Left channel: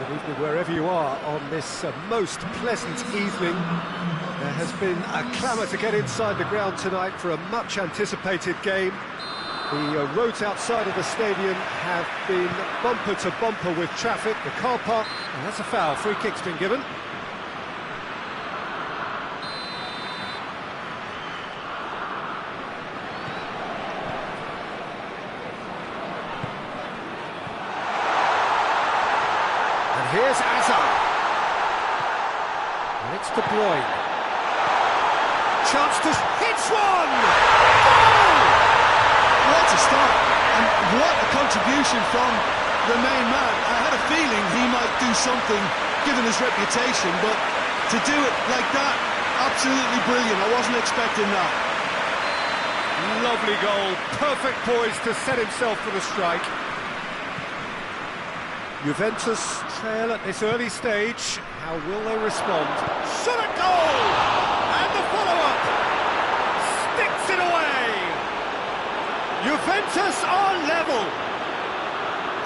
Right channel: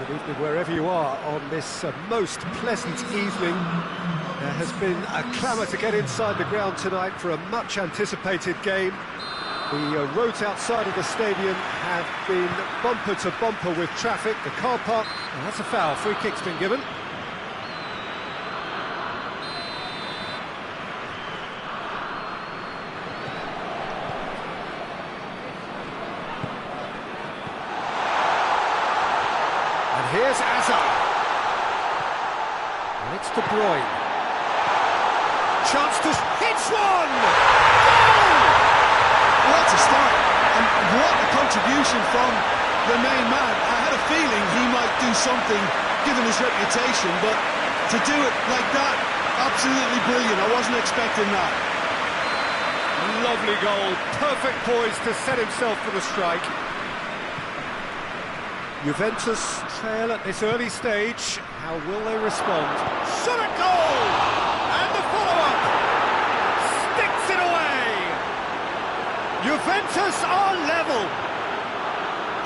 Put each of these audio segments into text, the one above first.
Good evening wherever you are on this most pleasant evening. There has been a clamour to get inside the ground tonight for a much anticipated game. The roads outside of the stadium have been bumper to bumper with traffic. The car park, and that's a foul. Free kick's been given. And here's Azka. And it's De Bruyne. Chance to hits one! Goal! What a start, and what a contribution from the main man. I had a feeling he might do something, given his reputation, but to do it like that, absolutely brilliant. I wasn't expecting that. Lovely goal, perfect poise to set himself for the strike. Juventus trail at this early stage. How will they respond? Shot at goal! And the follow-up! Sticks it away! Juventus are level!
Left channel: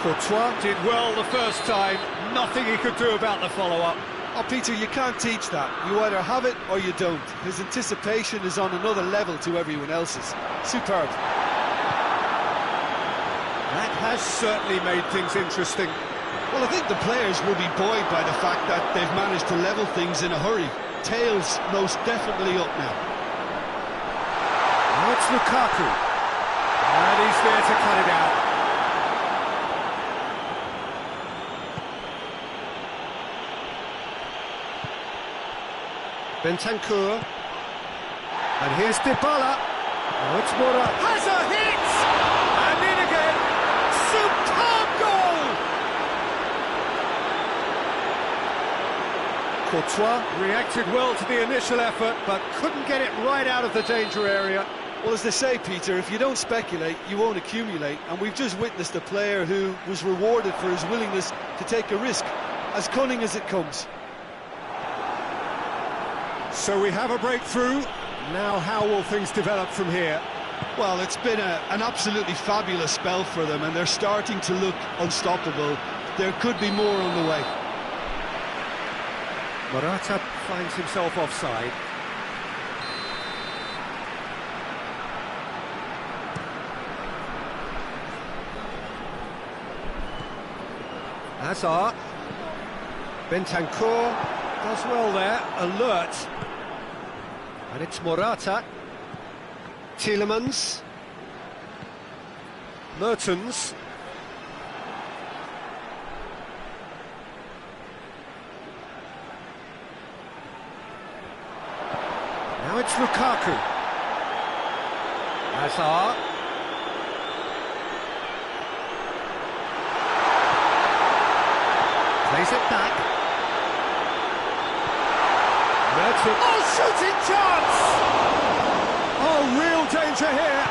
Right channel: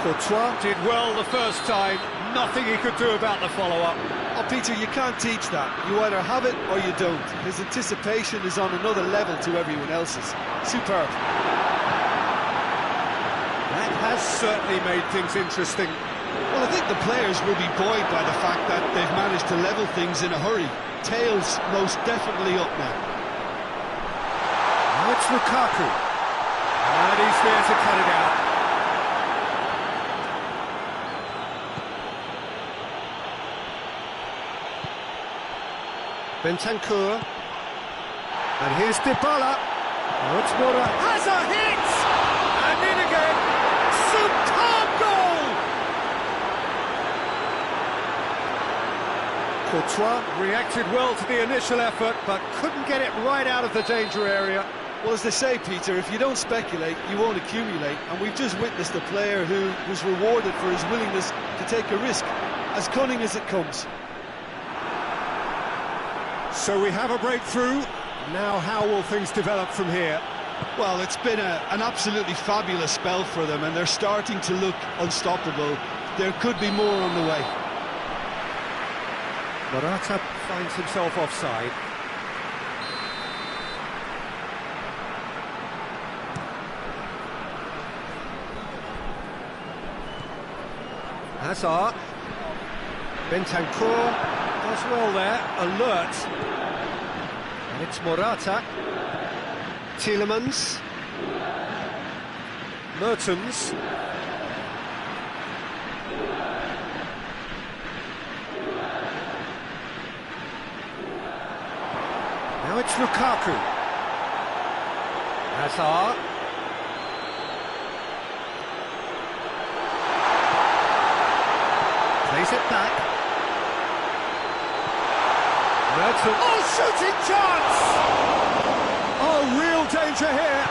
Courtois did well the first time. Nothing he could do about the follow-up. Oh, Peter, you can't teach that. You either have it or you don't. His anticipation is on another level to everyone else's. Superb. That has certainly made things interesting. Well, I think the players will be buoyed by the fact that they've managed to level things in a hurry. Tails most definitely up now. Now it's Lukaku. And he's there to cut it out. Bentancur. And here's Dybala. Now it's Mora. Has a hit! And in again. Superb goal! Courtois reacted well to the initial effort, but couldn't get it right out of the danger area. Well, as they say, Peter, if you don't speculate, you won't accumulate. And we've just witnessed a player who was rewarded for his willingness to take a risk, as cunning as it comes. So we have a breakthrough. Now how will things develop from here? Well, it's been an absolutely fabulous spell for them, and they're starting to look unstoppable. There could be more on the way. Morata finds himself offside. Azka. Bentancur does well there, alert. And it's Morata. Tielemans. Mertens. Now it's Lukaku. Azka. Plays it back. Mertens. Oh, shooting chance! Oh, real danger here.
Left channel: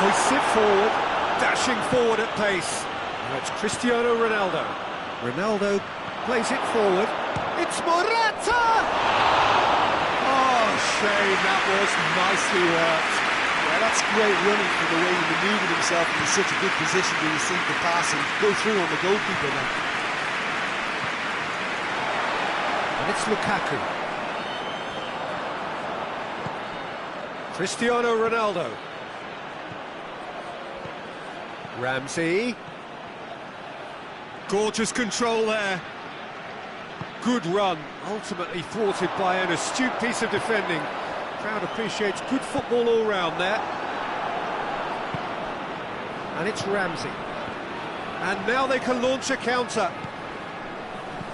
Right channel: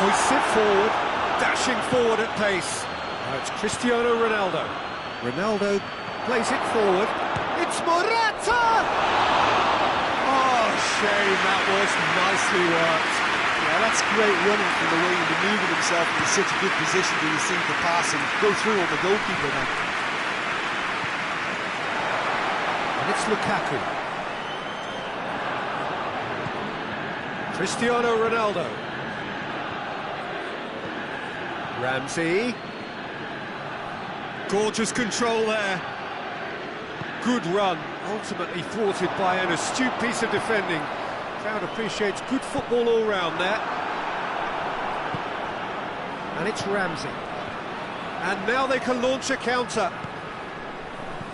Hoists it forward, dashing forward at pace. Now it's Cristiano Ronaldo. Ronaldo plays it forward. It's Morata! Oh, shame, that was nicely worked. Yeah, that's great running from the way he manoeuvred himself into such a good position to receive the pass and go through on the goalkeeper then. And it's Lukaku. Cristiano Ronaldo. Ramsey. Gorgeous control there. Good run, ultimately thwarted by an astute piece of defending. Crowd appreciates good football all round there. And it's Ramsey. And now they can launch a counter.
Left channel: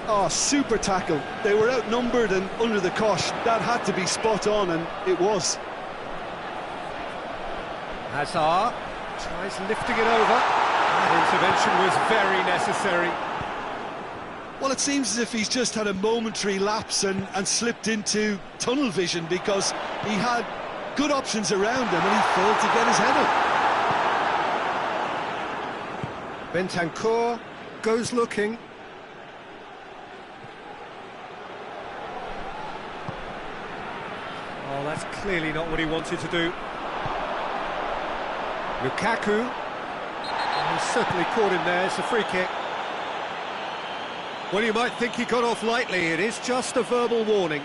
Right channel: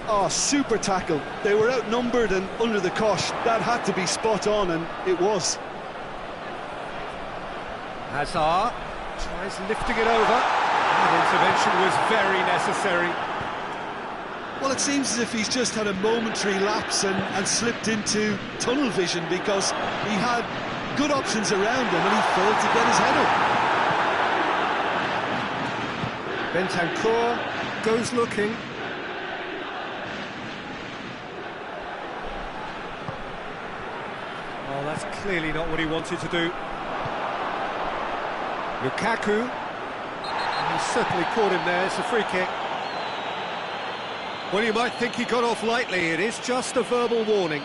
Oh, super tackle. They were outnumbered and under the cosh. That had to be spot on, and it was. Azka tries lifting it over. That intervention was very necessary. Well, it seems as if he's just had a momentary lapse and slipped into tunnel vision, because he had good options around him and he failed to get his head up. Bentancur goes looking. Oh, that's clearly not what he wanted to do. Lukaku. He's certainly caught him there. It's a free kick. Well, you might think he got off lightly. It is just a verbal warning.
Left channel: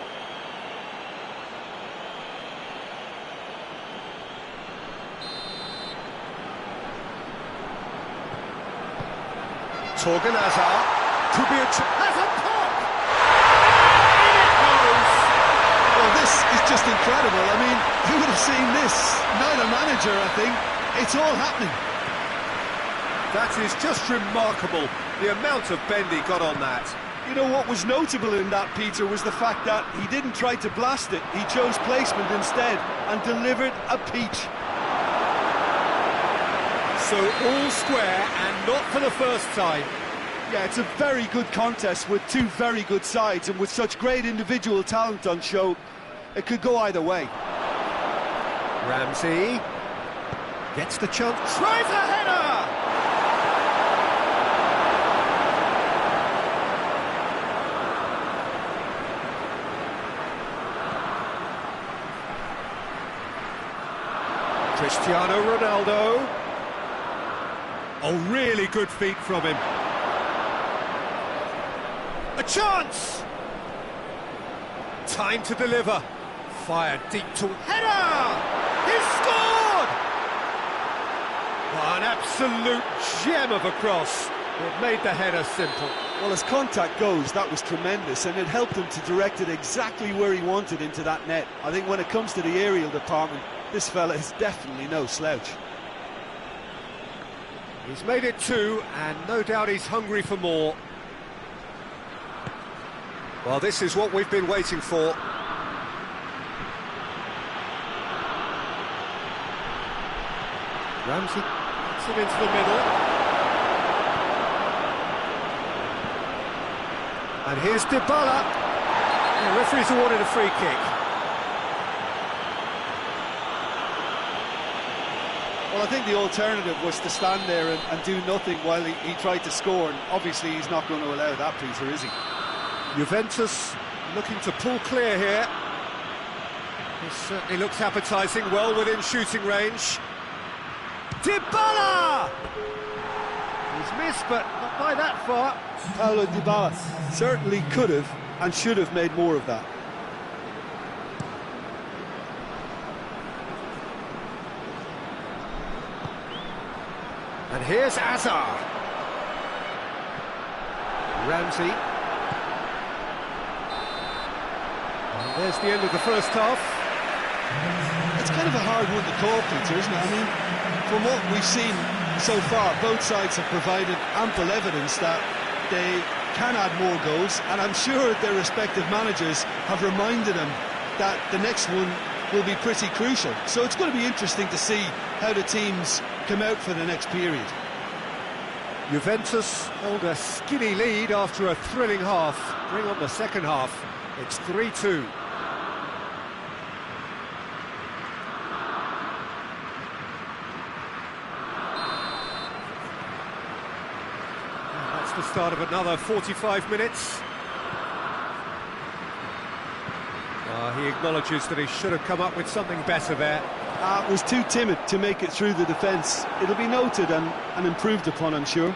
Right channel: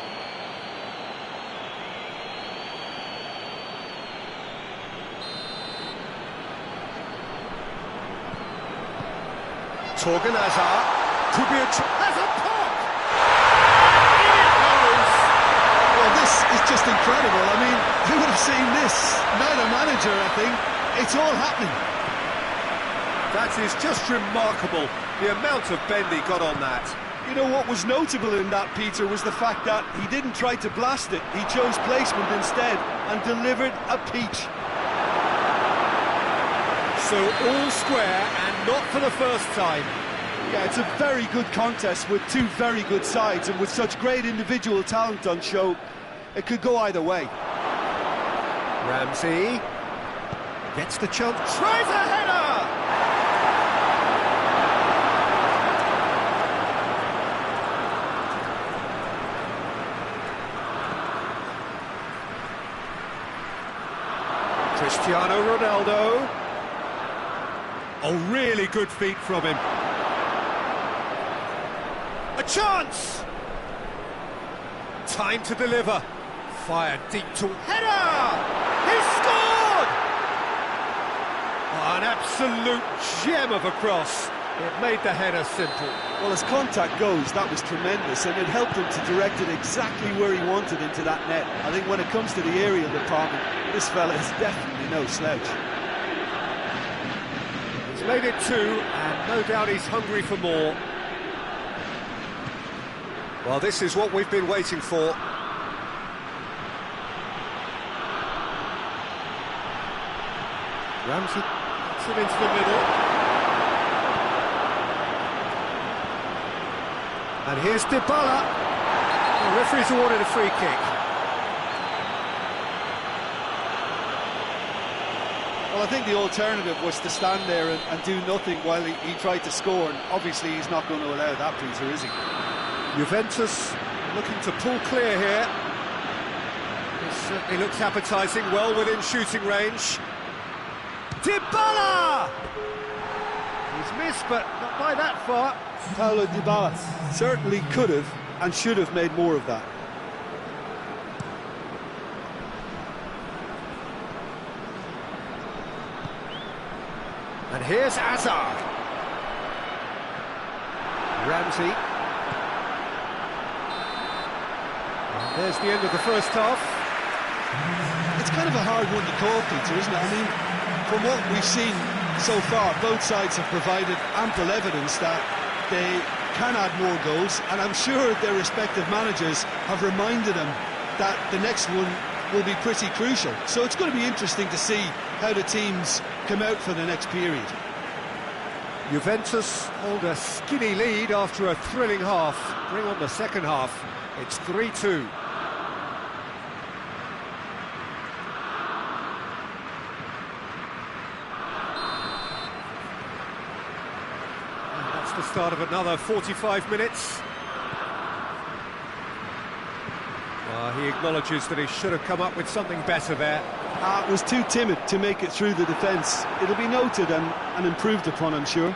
Torgan Hazard. Could be a... Has a pop! In it goes! Well, this is just incredible. I mean, who would have seen this? Neither manager, I think. It's all happening. That is just remarkable, the amount of bend he got on that. You know what was notable in that, Peter, was the fact that he didn't try to blast it. He chose placement instead and delivered a peach. So all square and not for the first time. Yeah, it's a very good contest with two very good sides, and with such great individual talent on show, it could go either way. Ramsey gets the chance, tries a header! Cristiano Ronaldo. Oh, really good feet from him. A chance! Time to deliver. Fired deep to header! He scored! Oh, an absolute gem of a cross. It made the header simple. Well, as contact goes, that was tremendous, and it helped him to direct it exactly where he wanted into that net. I think when it comes to the aerial department, this fella is definitely no slouch. He's made it two, and no doubt he's hungry for more. Well, this is what we've been waiting for. Ramsey gets it into the middle. And here's Dybala. The referee's awarded a free kick. Well, I think the alternative was to stand there and do nothing while he tried to score, and obviously he's not going to allow that, Peter, is he? Juventus looking to pull clear here. This certainly looks appetising, well within shooting range. Dybala! He's missed, but not by that far. Paulo Dybala certainly could have and should have made more of that. And here's Azka. Ramsey. And there's the end of the first half. It's kind of a hard one to call, Peter, isn't it? I mean, from what we've seen so far, both sides have provided ample evidence that they can add more goals, and I'm sure their respective managers have reminded them that the next one will be pretty crucial. So it's going to be interesting to see how the teams come out for the next period. Juventus hold a skinny lead after a thrilling half. Bring on the second half. It's 3-2. And that's the start of another 45 minutes. He acknowledges that he should have come up with something better there. Was too timid to make it through the defence. It'll be noted and improved upon, I'm sure.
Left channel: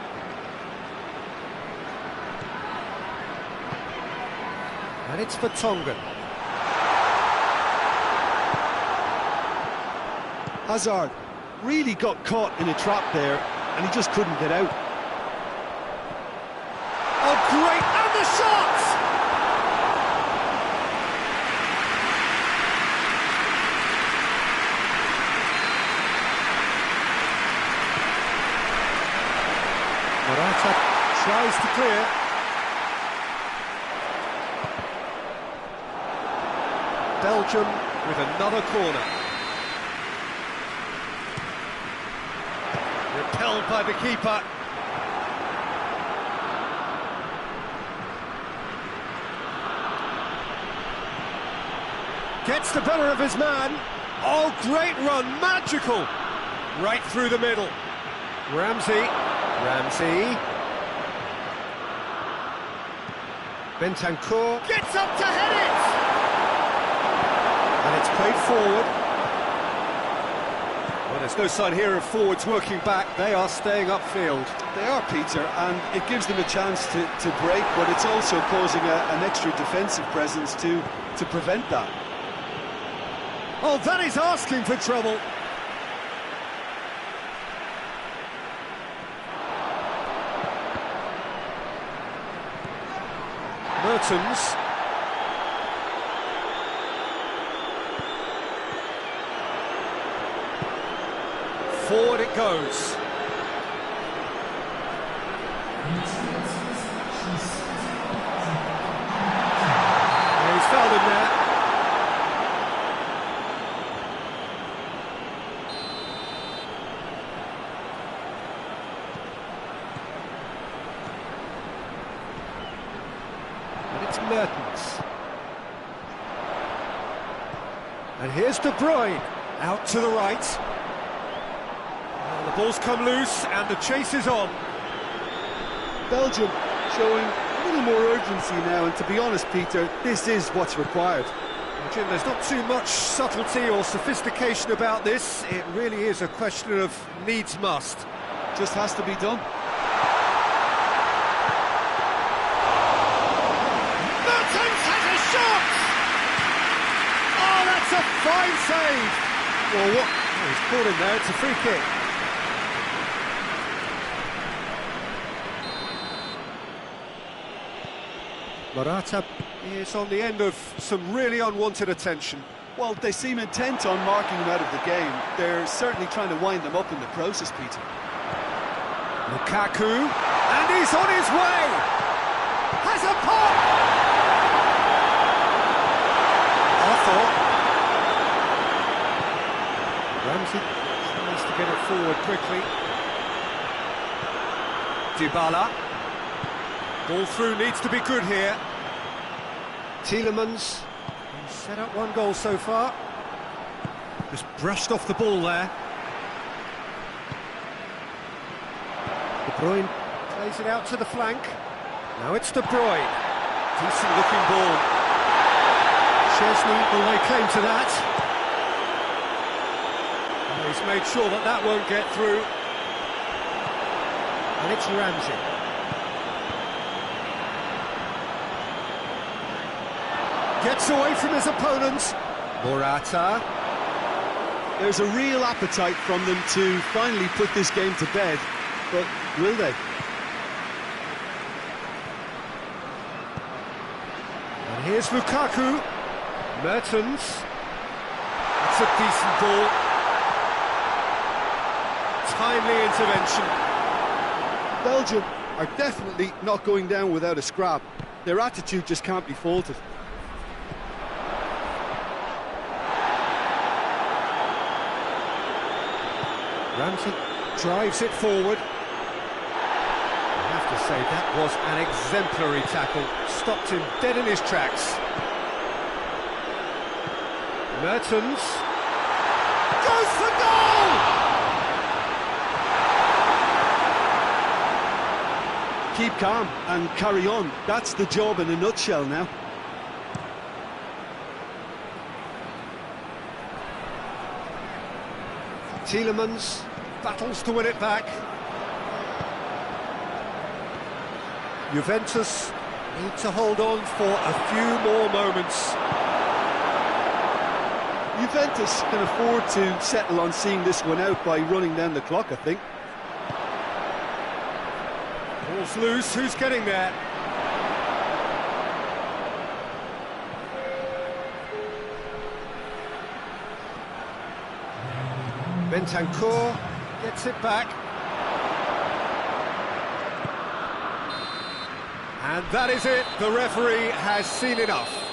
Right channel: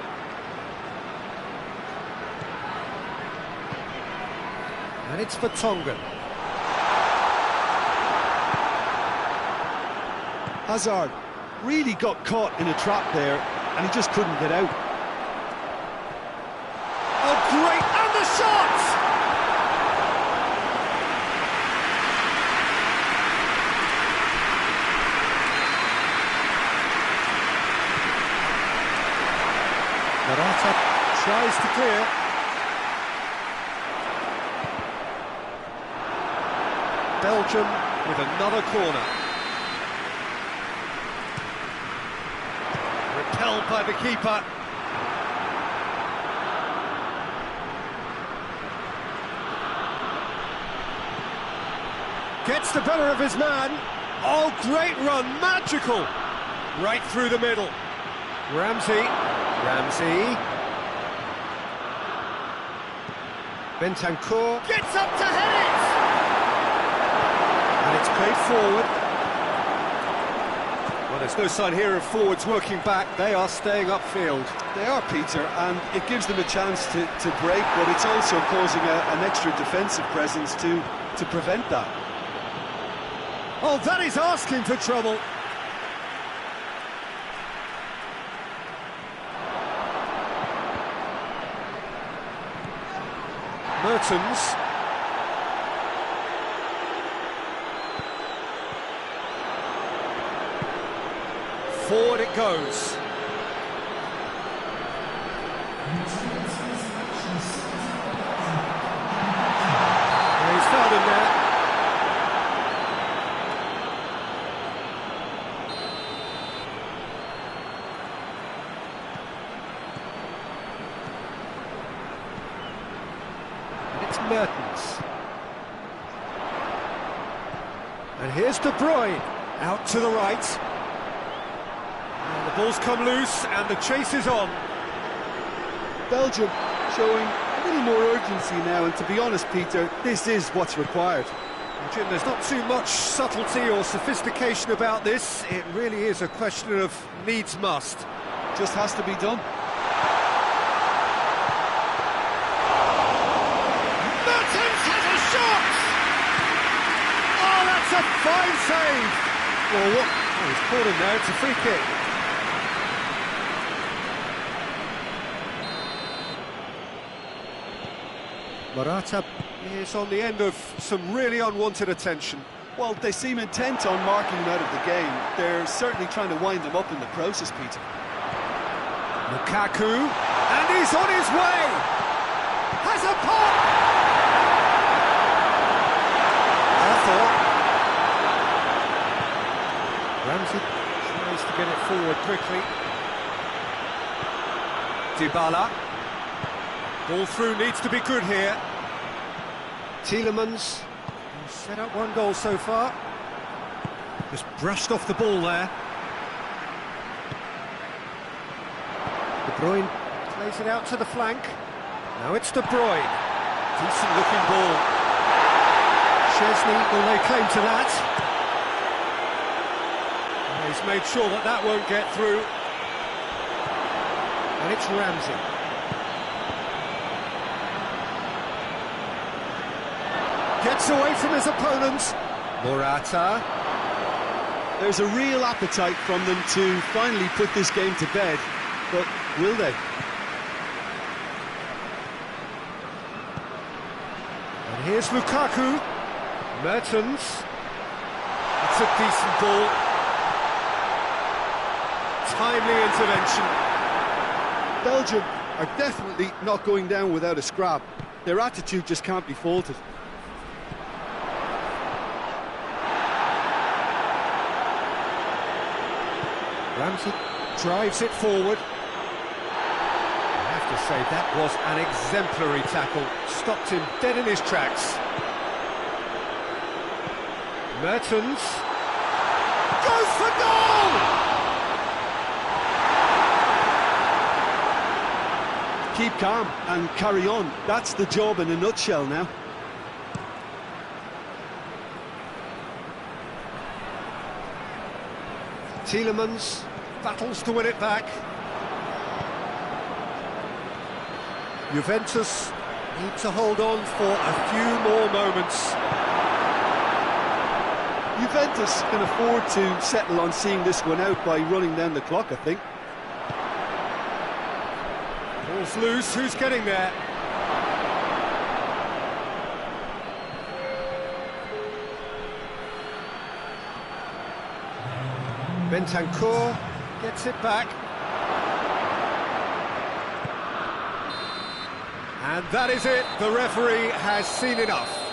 And it's for Tongan. Hazard really got caught in a trap there, and he just couldn't get out. Oh, great! And the shot! Morata tries to clear. Belgium with another corner. Repelled by the keeper. Gets the better of his man. Oh, great run, magical. Right through the middle. Ramsey. Bentancur gets up to head it! And it's played forward. Well, there's no sign here of forwards working back. They are staying upfield. They are, Peter, and it gives them a chance to break, but it's also causing an extra defensive presence to prevent that. Oh, that is asking for trouble. Mertens. Forward it goes. Yeah, he's fouled him there. And it's Mertens. And here's De Bruyne, out to the right. Well, the ball's come loose and the chase is on. Belgium showing a little more urgency now, and to be honest, Peter, this is what's required. Well, Jim, there's not too much subtlety or sophistication about this. It really is a question of needs must. Just has to be done. Mertens has a shot! Oh, that's a fine save! Well, what? Oh, he's caught him there, it's a free kick. Morata is on the end of some really unwanted attention. Well, they seem intent on marking him out of the game. They're certainly trying to wind them up in the process, Peter. Lukaku, and he's on his way! Has a pop! Arthur. Ramsey tries to get it forward quickly. Dybala. Ball through needs to be good here. Tielemans. He's set up one goal so far. Just brushed off the ball there. De Bruyne plays it out to the flank. Now it's De Bruyne. Decent looking ball. Chesney will lay claim to that. And he's made sure that that won't get through. And it's Ramsey. Gets away from his opponents. Morata. There's a real appetite from them to finally put this game to bed, but will they? And here's Lukaku. Mertens. It's a decent ball. Timely intervention. Belgium are definitely not going down without a scrap. Their attitude just can't be faulted. Ramsey drives it forward. I have to say, that was an exemplary tackle. Stopped him dead in his tracks. Mertens goes for goal! Keep calm and carry on. That's the job in a nutshell now. Tielemans battles to win it back. Juventus need to hold on for a few more moments. Juventus can afford to settle on seeing this one out by running down the clock, I think. Ball's loose, who's getting there? Bentancur gets it back. And that is it, the referee has seen enough.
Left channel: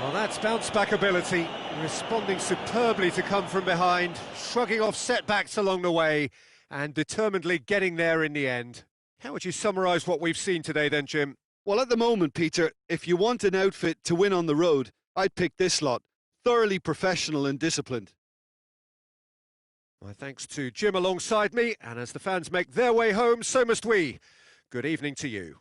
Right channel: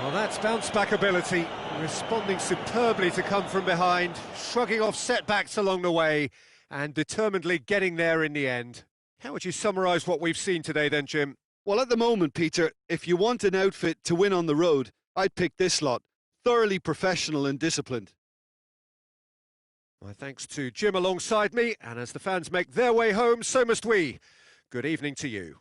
Well, that's bounce-back ability, responding superbly to come from behind, shrugging off setbacks along the way, and determinedly getting there in the end. How would you summarise what we've seen today then, Jim? Well, at the moment, Peter, if you want an outfit to win on the road, I'd pick this lot. Thoroughly professional and disciplined. My thanks to Jim alongside me, and as the fans make their way home, so must we. Good evening to you.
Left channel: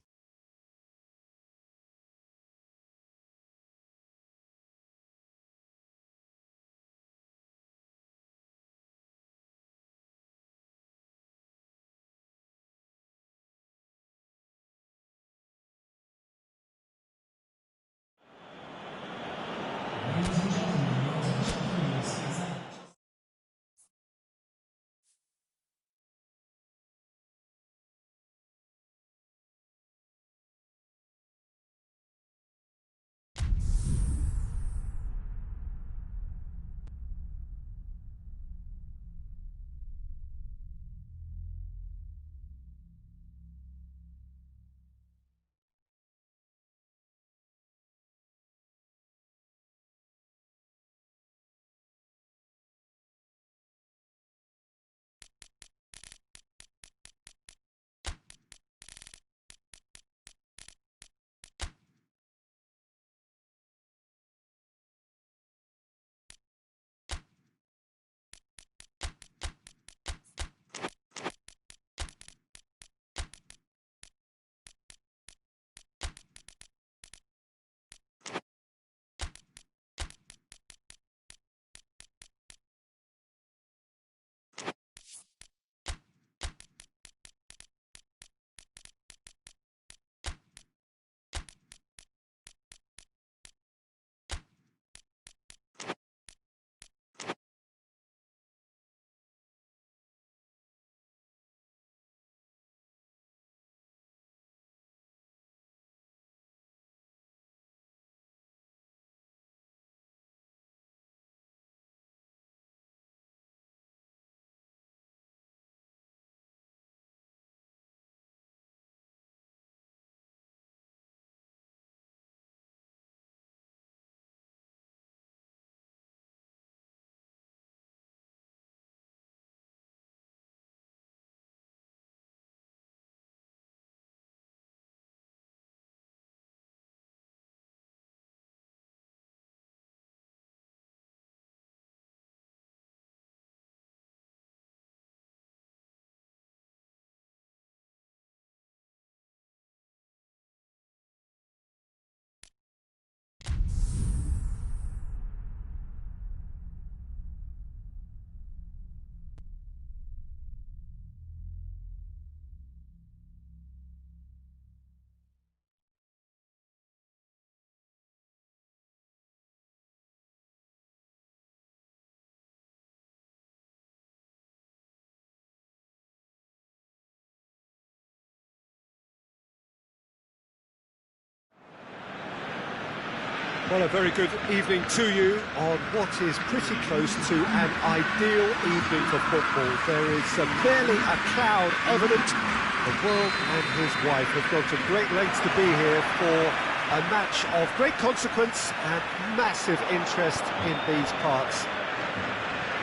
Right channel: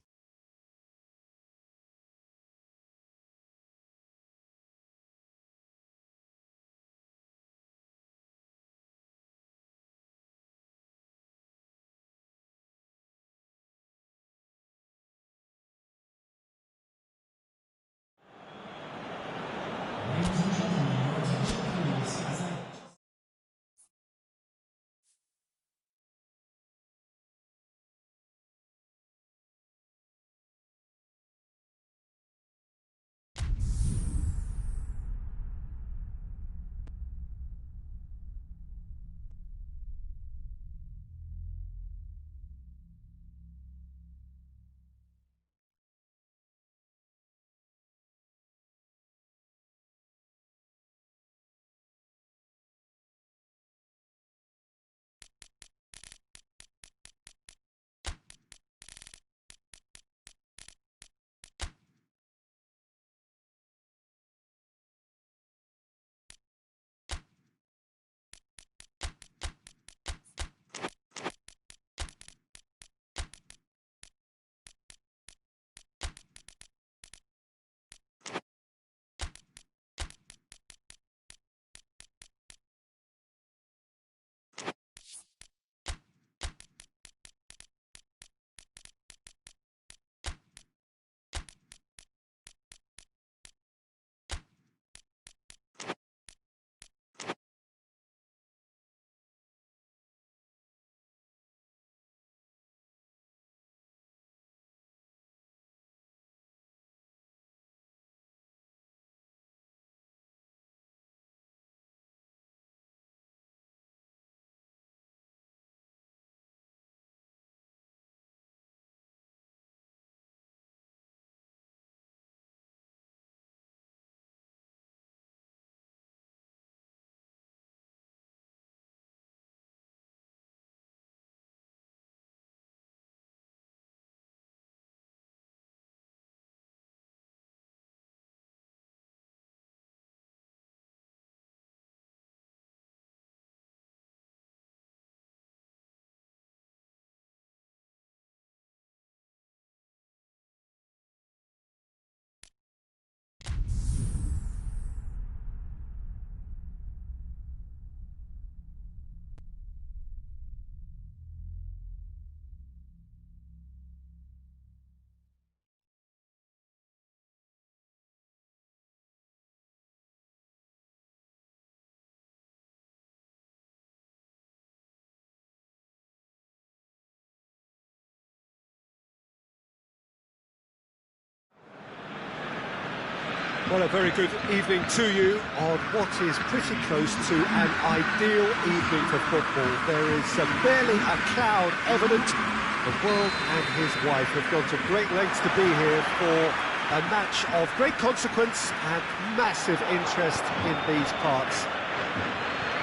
Well, a very good evening to you on what is pretty close to an ideal evening for football. There is barely a cloud evident. The world and his wife have gone to great lengths to be here for a match of great consequence and massive interest in these parts.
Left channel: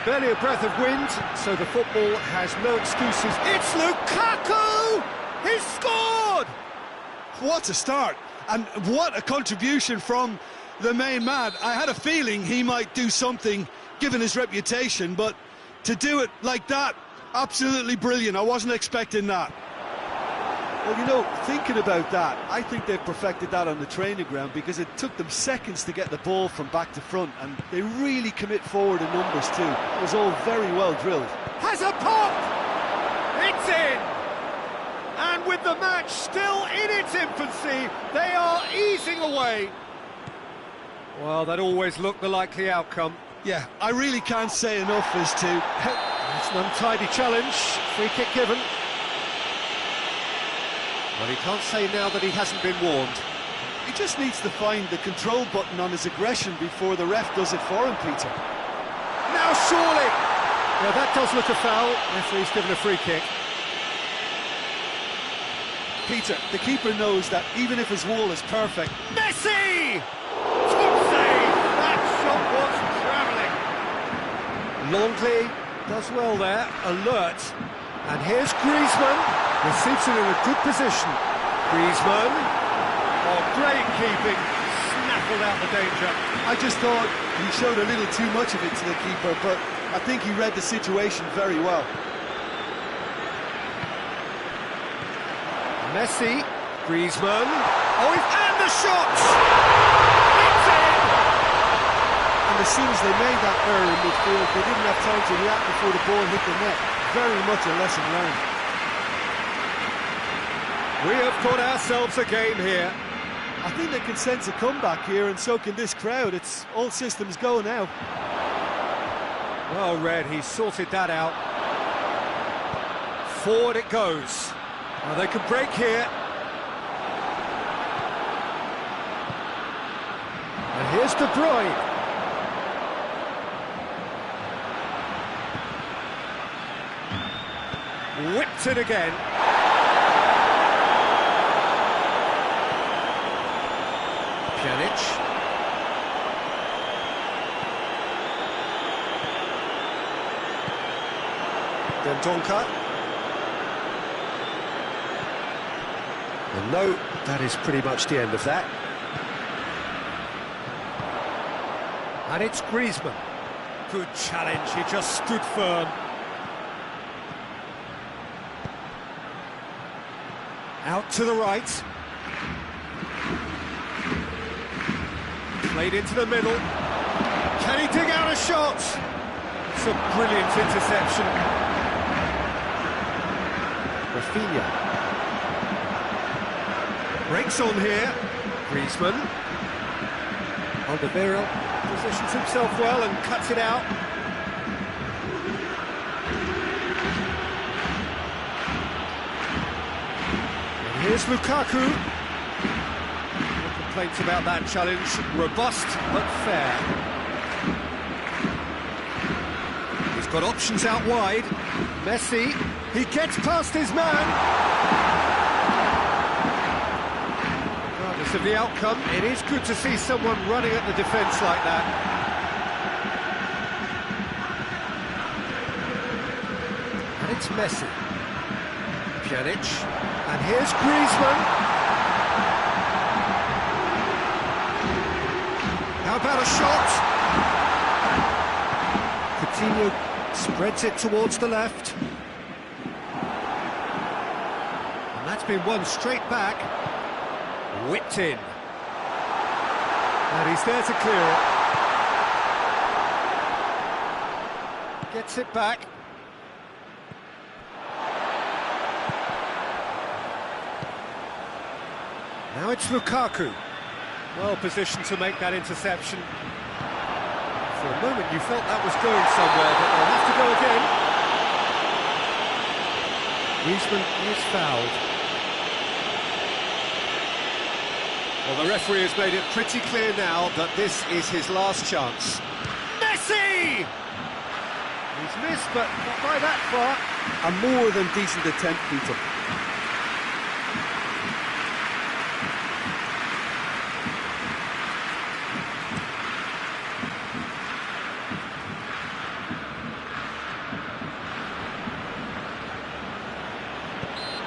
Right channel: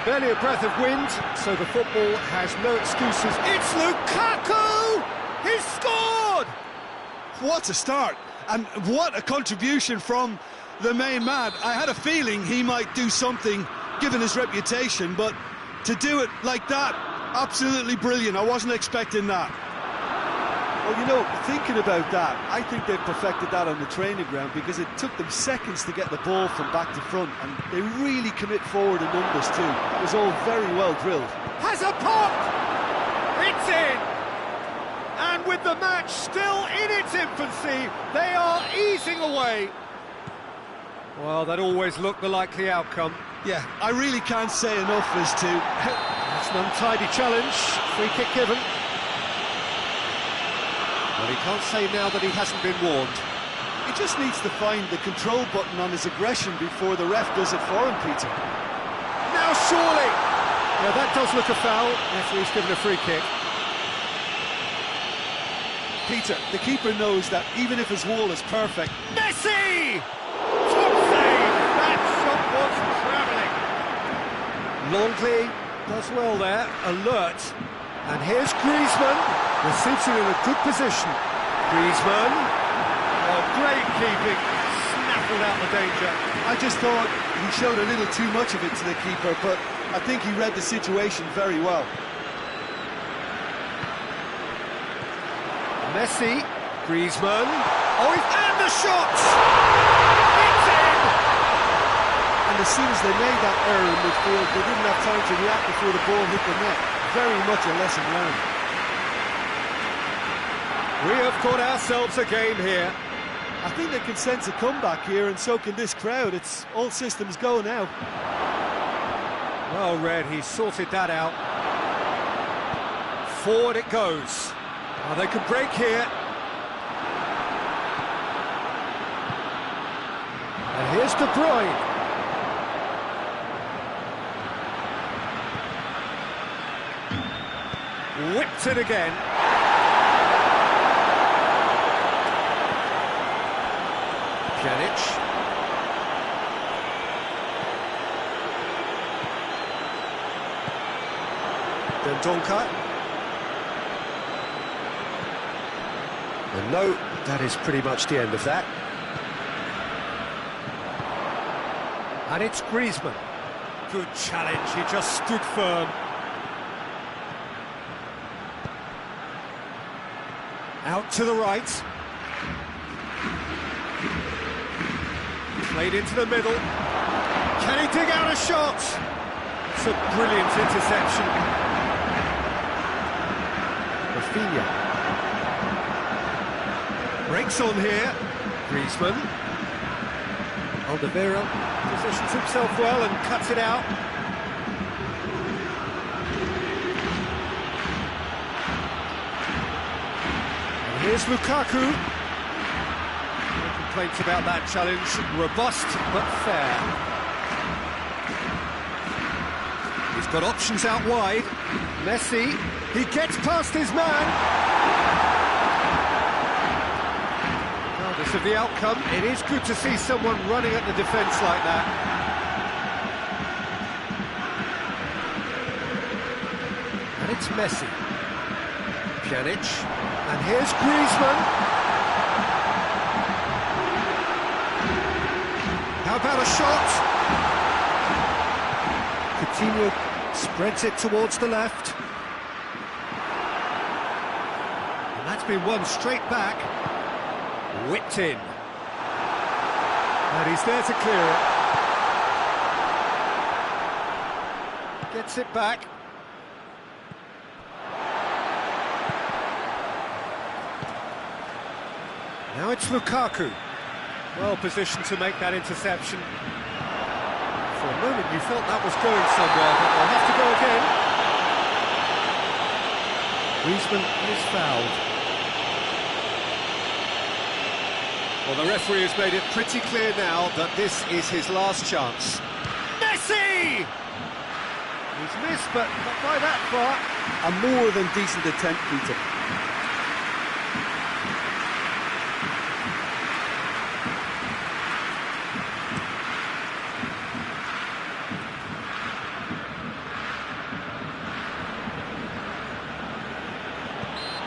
Barely a breath of wind, so the football has no excuses. It's Lukaku! He's scored! What a start, and what a contribution from the main man. I had a feeling he might do something, given his reputation, but to do it like that, absolutely brilliant. I wasn't expecting that. Well, you know, thinking about that, I think they've perfected that on the training ground, because it took them seconds to get the ball from back to front, and they really commit forward in numbers too. That was all very well drilled. Has a pop! It's in! And with the match still in its infancy, they are easing away. Well, that always looked the likely outcome. Yeah, I really can't say enough as to... It's an untidy challenge, free kick given. Well, he can't say now that he hasn't been warned. He just needs to find the control button on his aggression before the ref does it for him, Peter. Now surely! Yeah, that does look a foul. Referee's given a free kick. Peter, the keeper knows that even if his wall is perfect... Messi! Top save! That shot was travelling. Longley does well there, alert. And here's Griezmann, receives it in a good position. Griezmann, oh, great keeping, snaffled out the danger. I just thought he showed a little too much of it to the keeper, but I think he read the situation very well. Messi, Griezmann, and the shot! It's in! And as soon as they made that error in midfield, they didn't have time to react before the ball hit the net. Very much a lesson learned. We have got ourselves a game here. I think they can sense a comeback here, and so can this crowd. It's all systems go now. Well read, he sorted that out. Forward it goes. Well, they could break here. And here's De Bruyne. Whipped it again. Pjanic. Dendonka. And no, that is pretty much the end of that. And it's Griezmann. Good challenge, he just stood firm. Out to the right. Played into the middle. Can he dig out a shot? It's a brilliant interception. Rafinha. Breaks on here. Griezmann. Alderweireld positions himself well and cuts it out. And here's Lukaku. No complaints about that challenge. Robust but fair. He's got options out wide. Messi. He gets past his man. Regardless of the outcome, it is good to see someone running at the defence like that. And it's Messi. Pjanic. And here's Griezmann. How about a shot? Coutinho spreads it towards the left. And that's been won straight back. Whipped in. And he's there to clear it. Gets it back. Now it's Lukaku. Well positioned to make that interception. For a moment you felt that was going somewhere, but they'll have to go again. Griezmann is fouled. Well, the referee has made it pretty clear now that this is his last chance. Messi! He's missed, but not by that far. A more than decent attempt, Peter.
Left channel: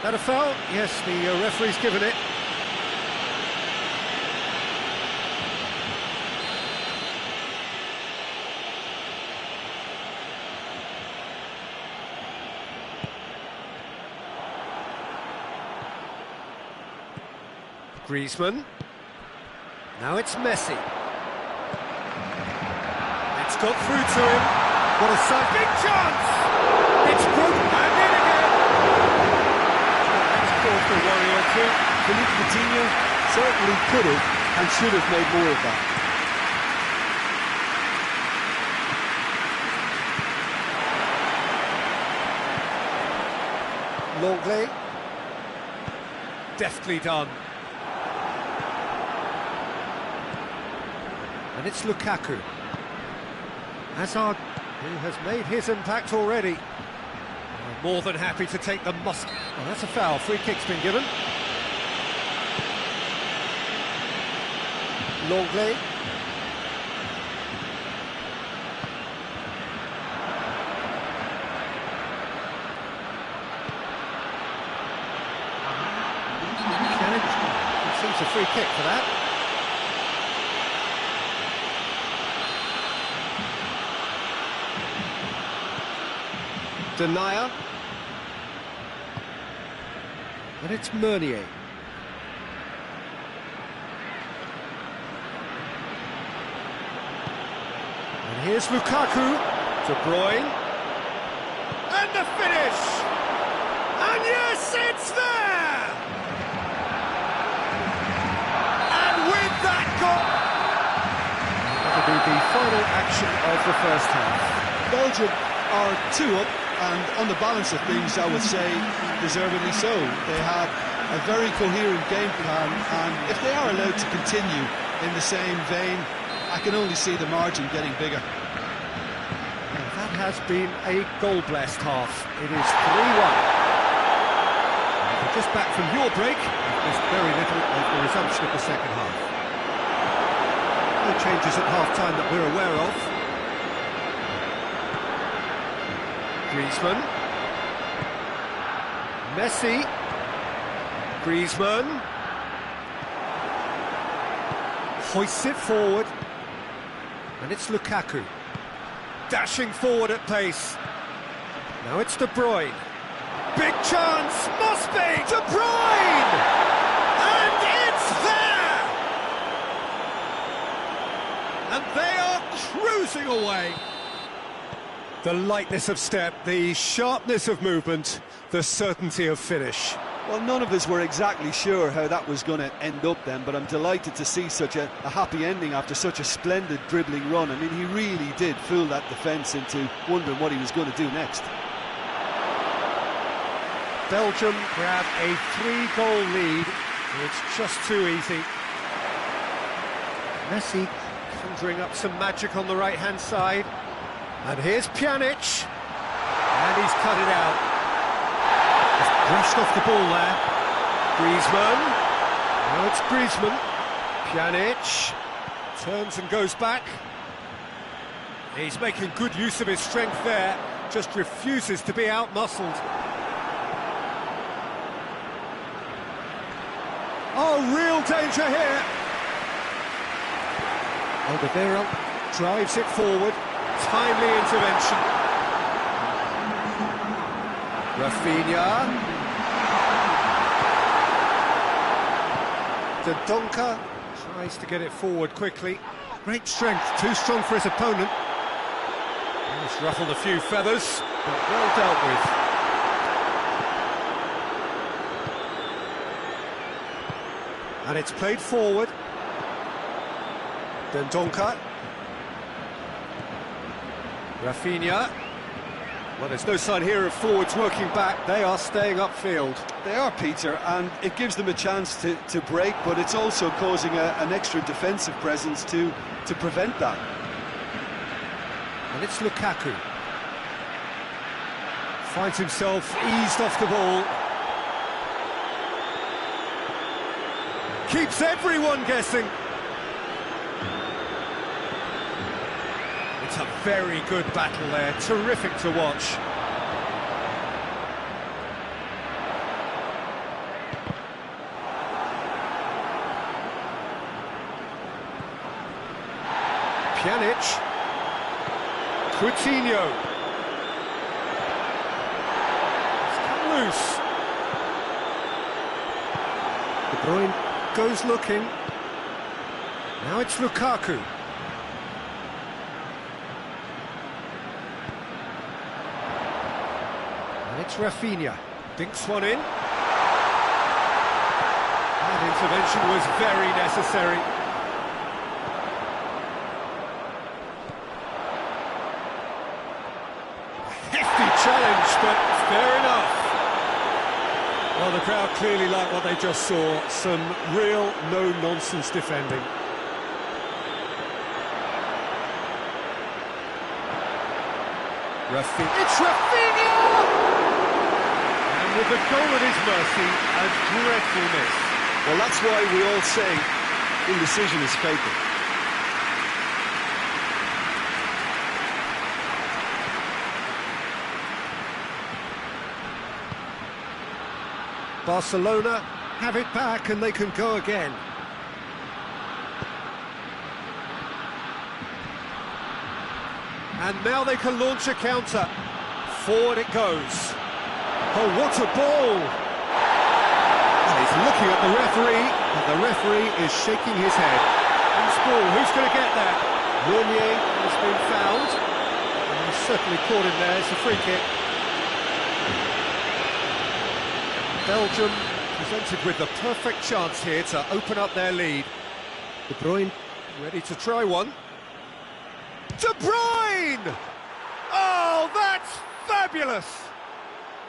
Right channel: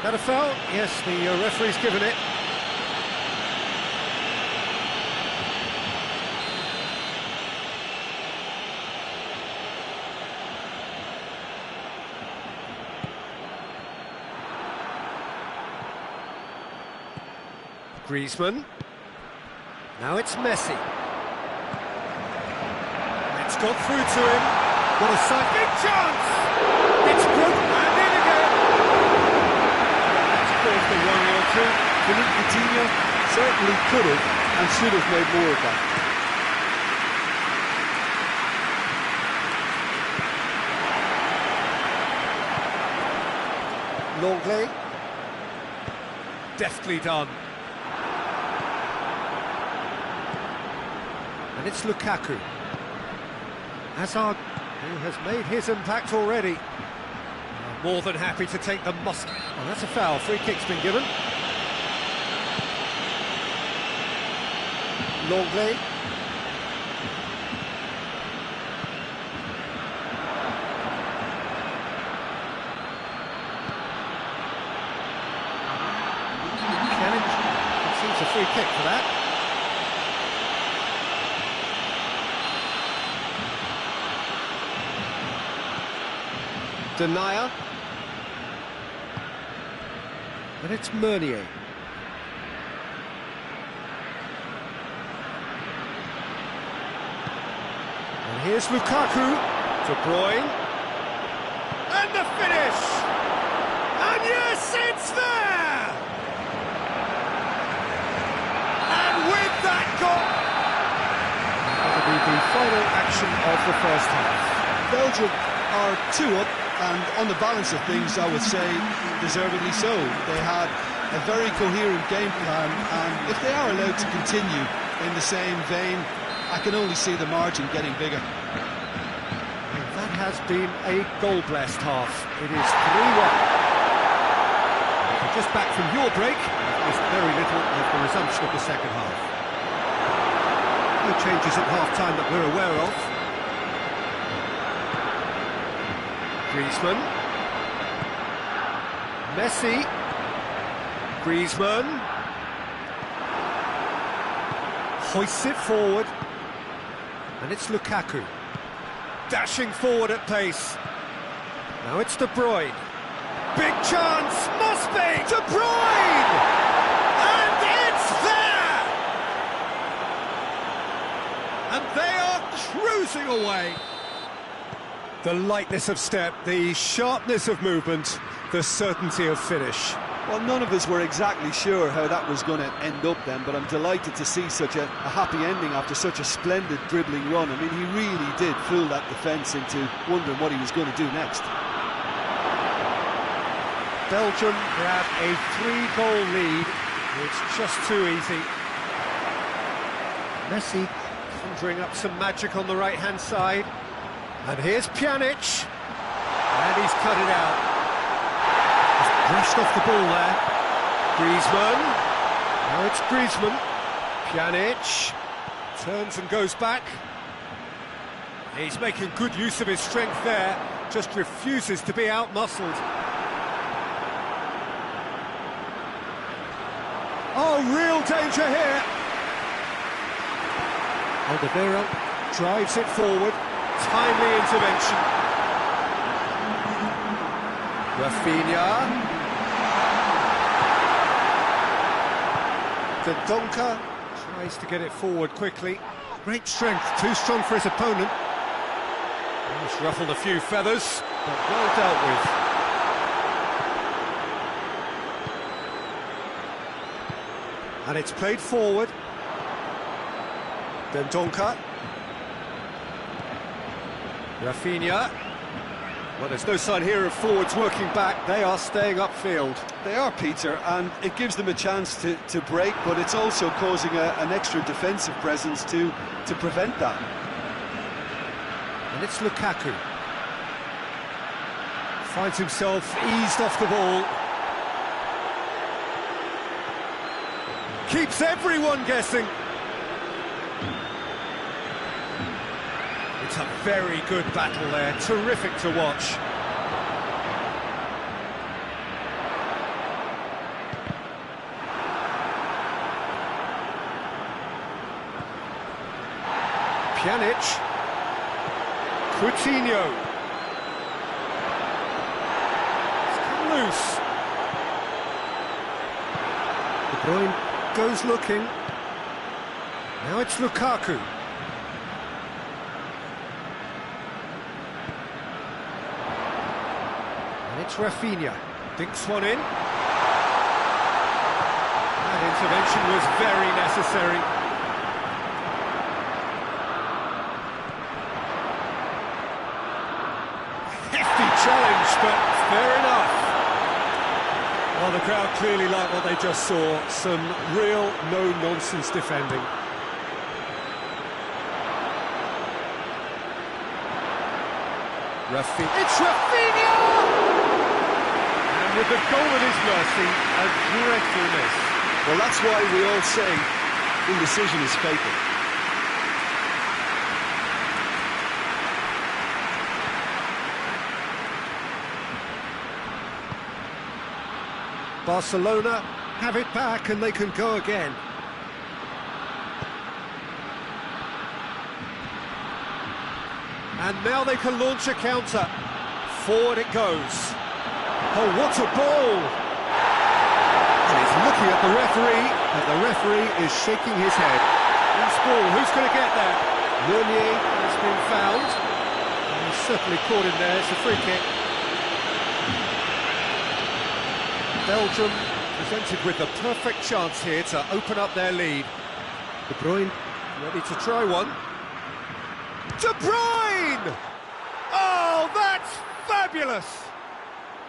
That a foul? Yes, the referee's given it. Griezmann. Now it's Messi. It's got through to him. What a sight. Big chance! It's broken and in again. That's caused a worry or two. Philippe Coutinho certainly could have and should have made more of that. Longley. Deftly done. And it's Lukaku. Hazard, who has made his impact already. More than happy to take the must. Oh, that's a foul. Free kick's been given. Longley. Concedes a free kick for that. Denier. And it's Meunier. And here's Lukaku. De Bruyne. And the finish! And yes, it's there! And with that goal... That'll be the final action of the first half. Belgium are 2 up, and on the balance of things, I would say deservedly so. They had a very coherent game plan, and if they are allowed to continue in the same vein, I can only see the margin getting bigger. And that has been a goal-blessed half. It is 3-1. If you're just back from your break, you've missed very little of the resumption of the second half. No changes at half-time that we're aware of. Griezmann. Messi. Griezmann. Hoists it forward. And it's Lukaku. Dashing forward at pace. Now it's De Bruyne. Big chance! Must be! De Bruyne! And it's there! And they are cruising away. The lightness of step, the sharpness of movement, the certainty of finish. Well, none of us were exactly sure how that was going to end up then, but I'm delighted to see such a happy ending after such a splendid dribbling run. I mean, he really did fool that defence into wondering what he was going to do next. Belgium grab a 3-goal lead. It's just too easy. Messi conjuring up some magic on the right-hand side. And here's Pjanic, and he's cut it out. Just brushed off the ball there. Griezmann, now it's Griezmann. Pjanic, turns and goes back. He's making good use of his strength there, just refuses to be out-muscled. Oh, real danger here. Alderweireld drives it forward. Timely intervention. Rafinha. Dendoncker tries to get it forward quickly. Great strength, too strong for his opponent. He's ruffled a few feathers, but well dealt with. And it's played forward. Dendoncker. Rafinha. Well, there's no sign here of forwards working back. They are staying upfield. They are, Peter, and it gives them a chance to break, but it's also causing an extra defensive presence to prevent that. And it's Lukaku. Finds himself eased off the ball. Keeps everyone guessing. It's a very good battle there, terrific to watch. Pjanic. Coutinho. It's come loose. De Bruyne goes looking. Now it's Lukaku. And it's Rafinha. Dinks one in. That intervention was very necessary. Hefty challenge, but fair enough. Well, the crowd clearly like what they just saw. Some real no-nonsense defending. It's Rafinha! And with the goal at his mercy, a dreadful miss. Well, that's why we all say indecision is fatal. Barcelona have it back and they can go again. And now they can launch a counter. Forward it goes. Oh, what a ball! And he's looking at the referee, and the referee is shaking his head. Loose ball, who's going to get that? Meunier has been fouled. And he's certainly caught him there, it's a free kick. Belgium presented with the perfect chance here to open up their lead. De Bruyne ready to try one. De Bruyne! Oh, that's fabulous!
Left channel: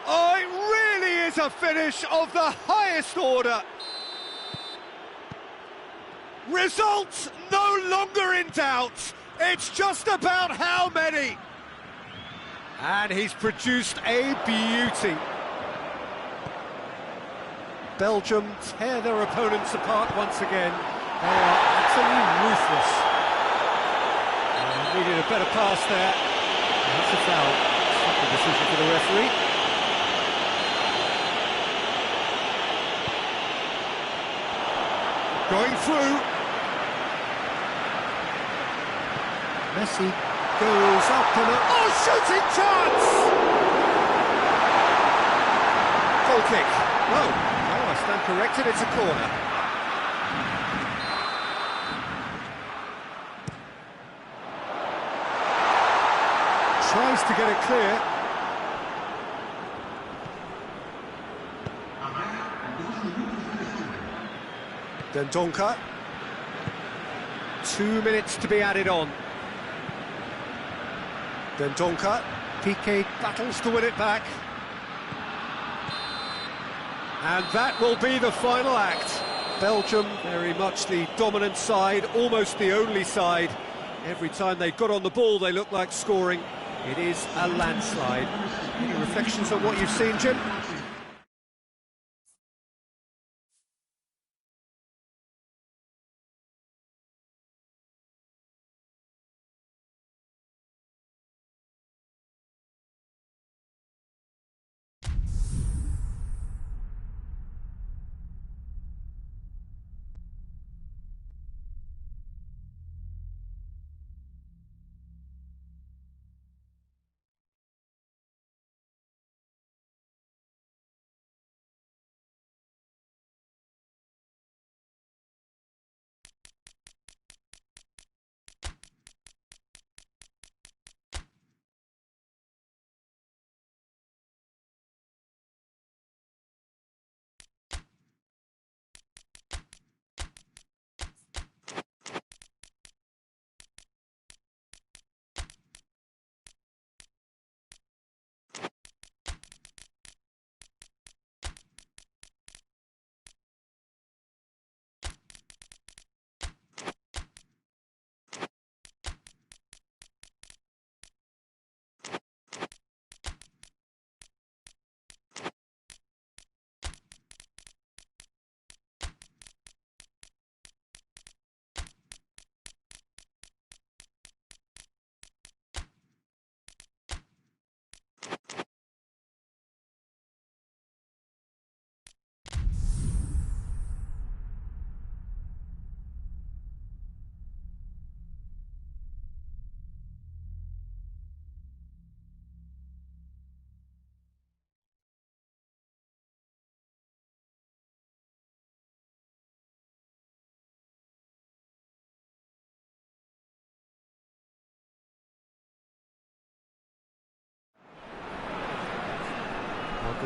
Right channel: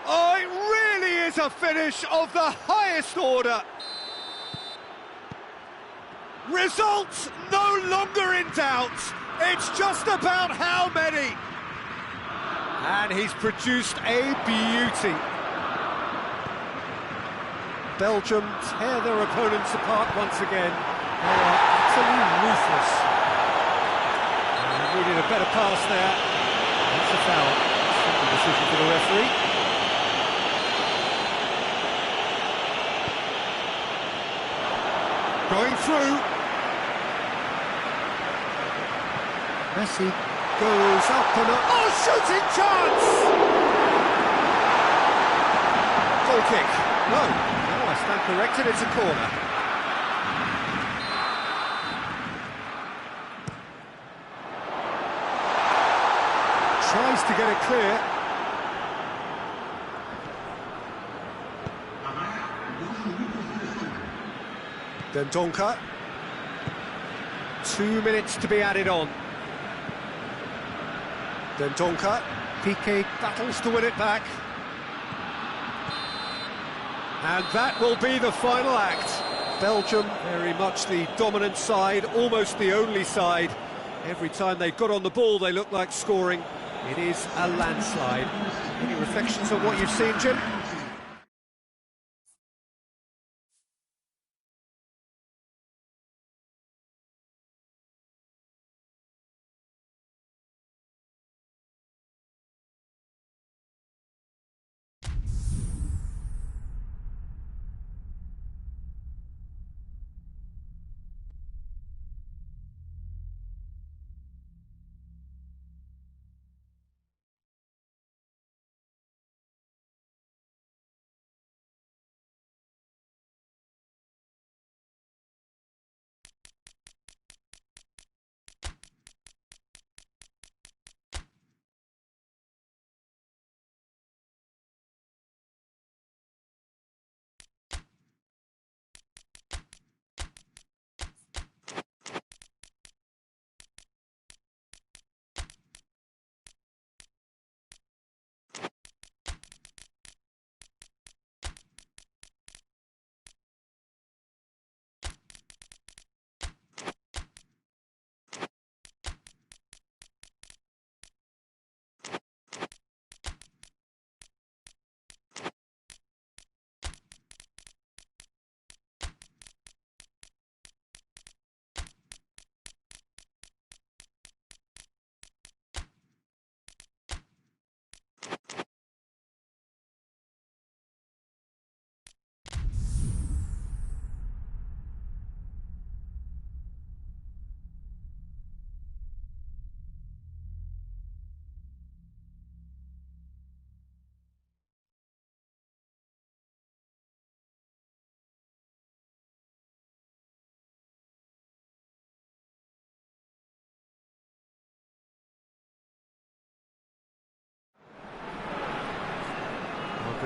Oh, it really is a finish of the highest order. Results no longer in doubt. It's just about how many. And he's produced a beauty. Belgium tear their opponents apart once again. They are utterly ruthless. Needed a better pass there. That's a foul. Simple decision for the referee. Going through. Messi goes up and up. Oh, shooting chance! Goal kick. No, I stand corrected. It's a corner. Tries to get it clear. Dendoncker. 2 minutes to be added on. Dendoncker. Piqué battles to win it back. And that will be the final act. Belgium, very much the dominant side, almost the only side. Every time they got on the ball, they looked like scoring. It is a landslide. Any reflections on what you've seen, Jim?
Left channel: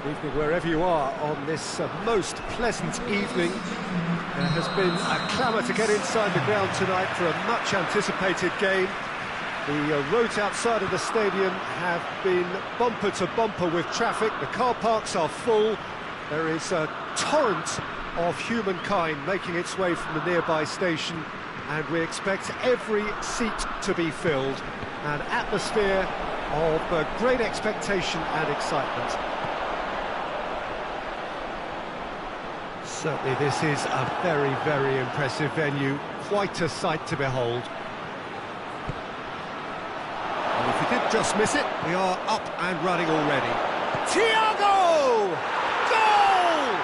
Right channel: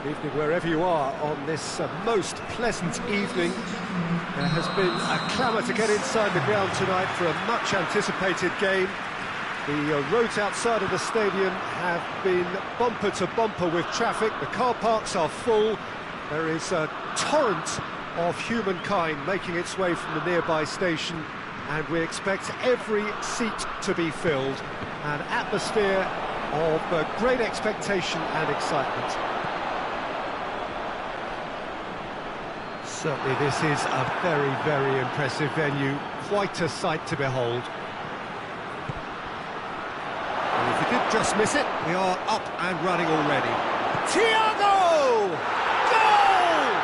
Good evening wherever you are on this most pleasant evening. There has been a clamour to get inside the ground tonight for a much-anticipated game. The roads outside of the stadium have been bumper to bumper with traffic. The car parks are full. There is a torrent of humankind making its way from the nearby station, and we expect every seat to be filled. An atmosphere of great expectation and excitement. Certainly this is a very, very impressive venue. Quite a sight to behold. Well, if you did just miss it, we are up and running already. Thiago! Goal!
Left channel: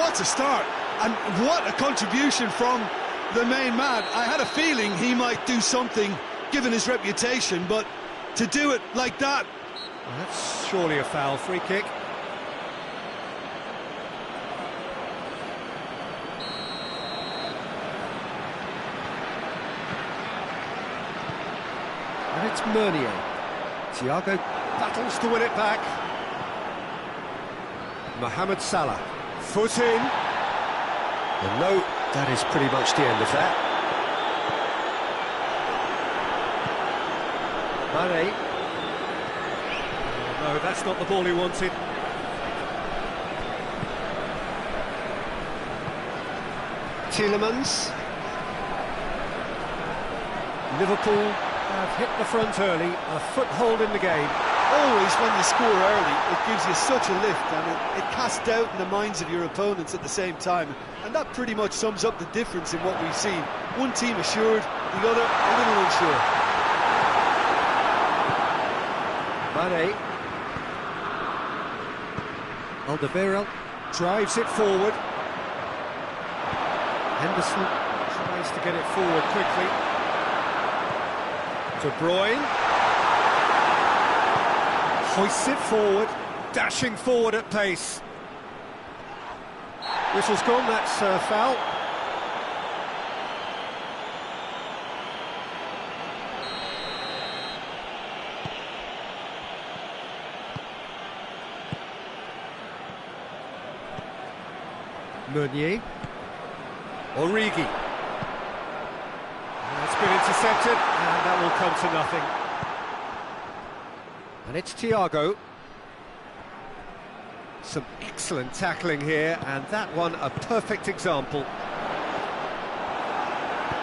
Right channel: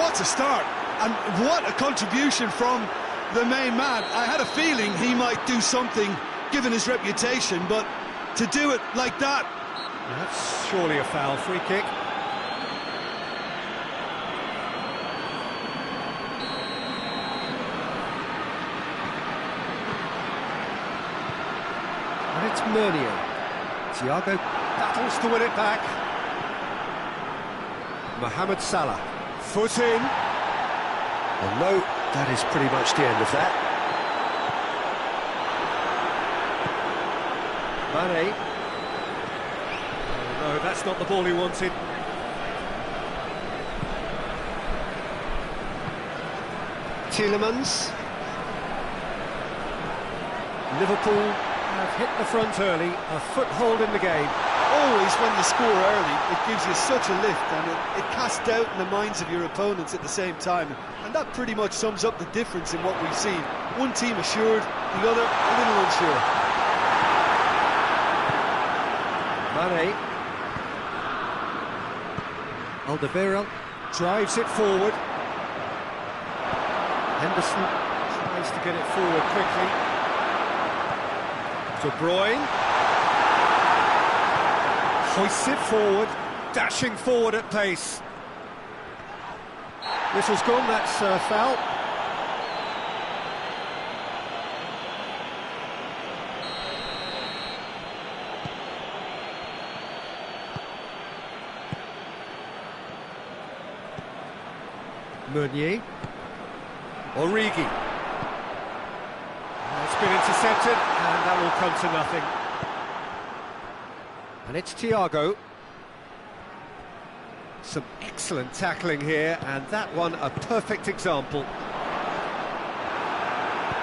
What a start, and what a contribution from the main man. I had a feeling he might do something, given his reputation, but to do it like that... That's surely a foul. Free kick. And it's Meunier. Thiago battles to win it back. Mohamed Salah. Foot in. Well, no, that is pretty much the end of that. Mane. Oh, no, that's not the ball he wanted. Tielemans. Liverpool have hit the front early, a foothold in the game. Always when you score early, it gives you such a lift, and it casts doubt in the minds of your opponents at the same time. And that pretty much sums up the difference in what we've seen. One team assured, the other a little unsure. Mane. Alderweireld drives it forward. Henderson tries to get it forward quickly. De Bruyne hoists it forward, dashing forward at pace. Whistle's gone, that's foul. Meunier. Origi. It's been intercepted, and that will come to nothing. And it's Thiago. Some excellent tackling here, and that one a perfect example.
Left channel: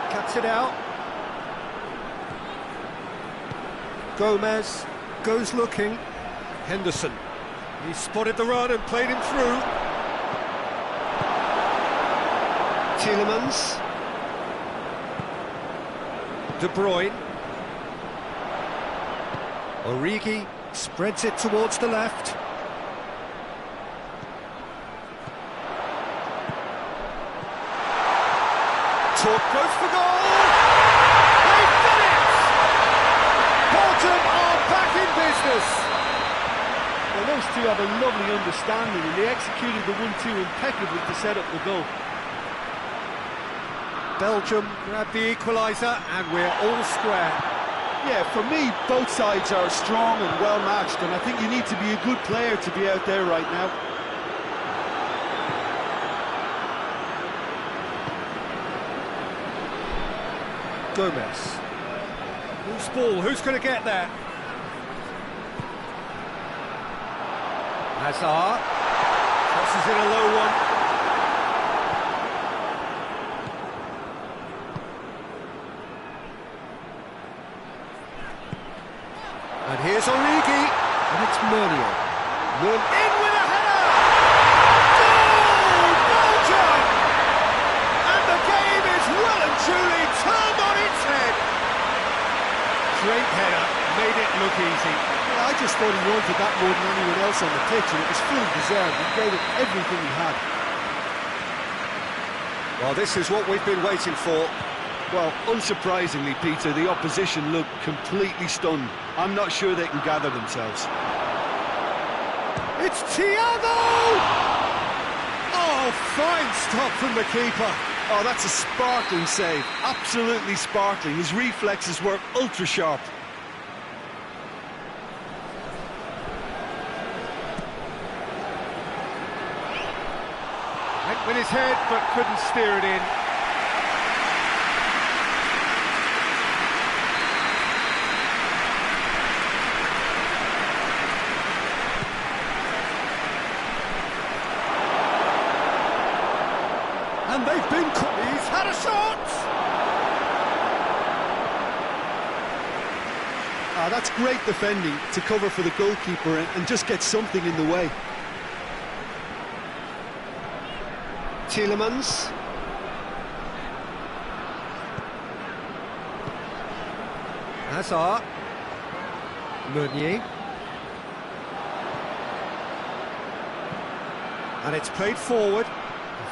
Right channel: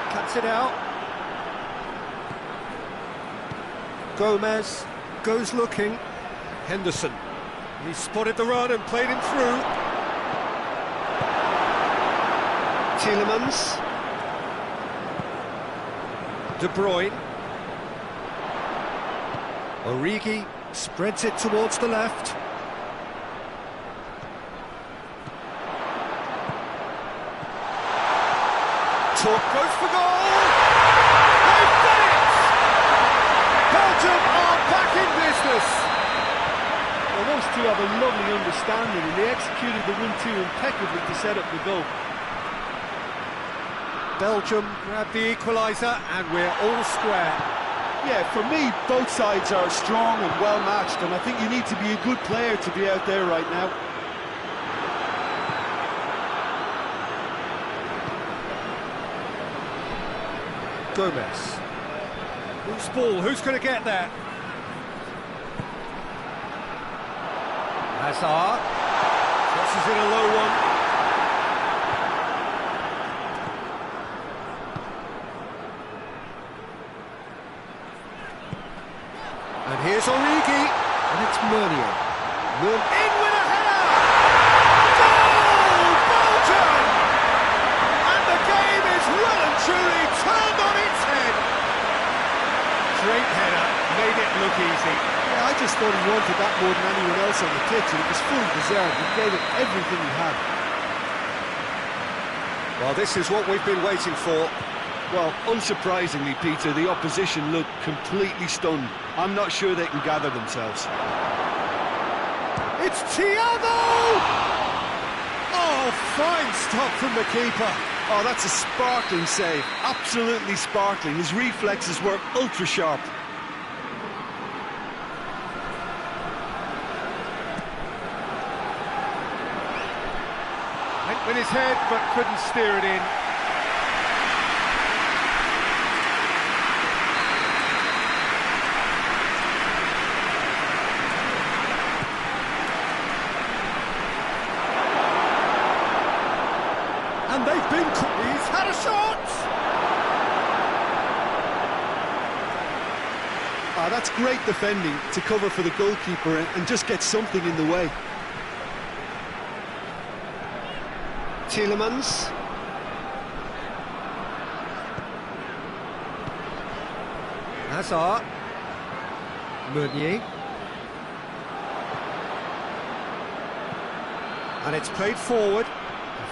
Cuts it out. Gomez goes looking. Henderson. He spotted the run and played him through. Tielemans. De Bruyne. Origi spreads it towards the left. Talk goes for goal! They've done it! Belgium are back in business! Well, those two have a lovely understanding, and they executed the 1-2 impeccably to set up the goal. Belgium grab the equaliser, and we're all square. Yeah, for me, both sides are strong and well matched, and I think you need to be a good player to be out there right now. Gomez. Loose ball, who's going to get that? Hazard. Crosses in a low one. And here's Origi, and it's Meunier. In with a header! Goal, Belgium! And the game is well and truly turned on its head. Great header, made it look easy. Yeah, I just thought he wanted that more than anyone else on the pitch, and it was fully deserved. He gave it everything he had. Well, this is what we've been waiting for. Well, unsurprisingly, Peter, the opposition looked completely stunned. I'm not sure they can gather themselves. It's Thiago! Oh, fine stop from the keeper. Oh, that's a sparkling save. Absolutely sparkling. His reflexes were with his head, but couldn't steer it in. And they've been caught. He's had a shot! That's great defending to cover for the goalkeeper and just get something in the way. Tielemans. Azka. Meunier. And it's played forward.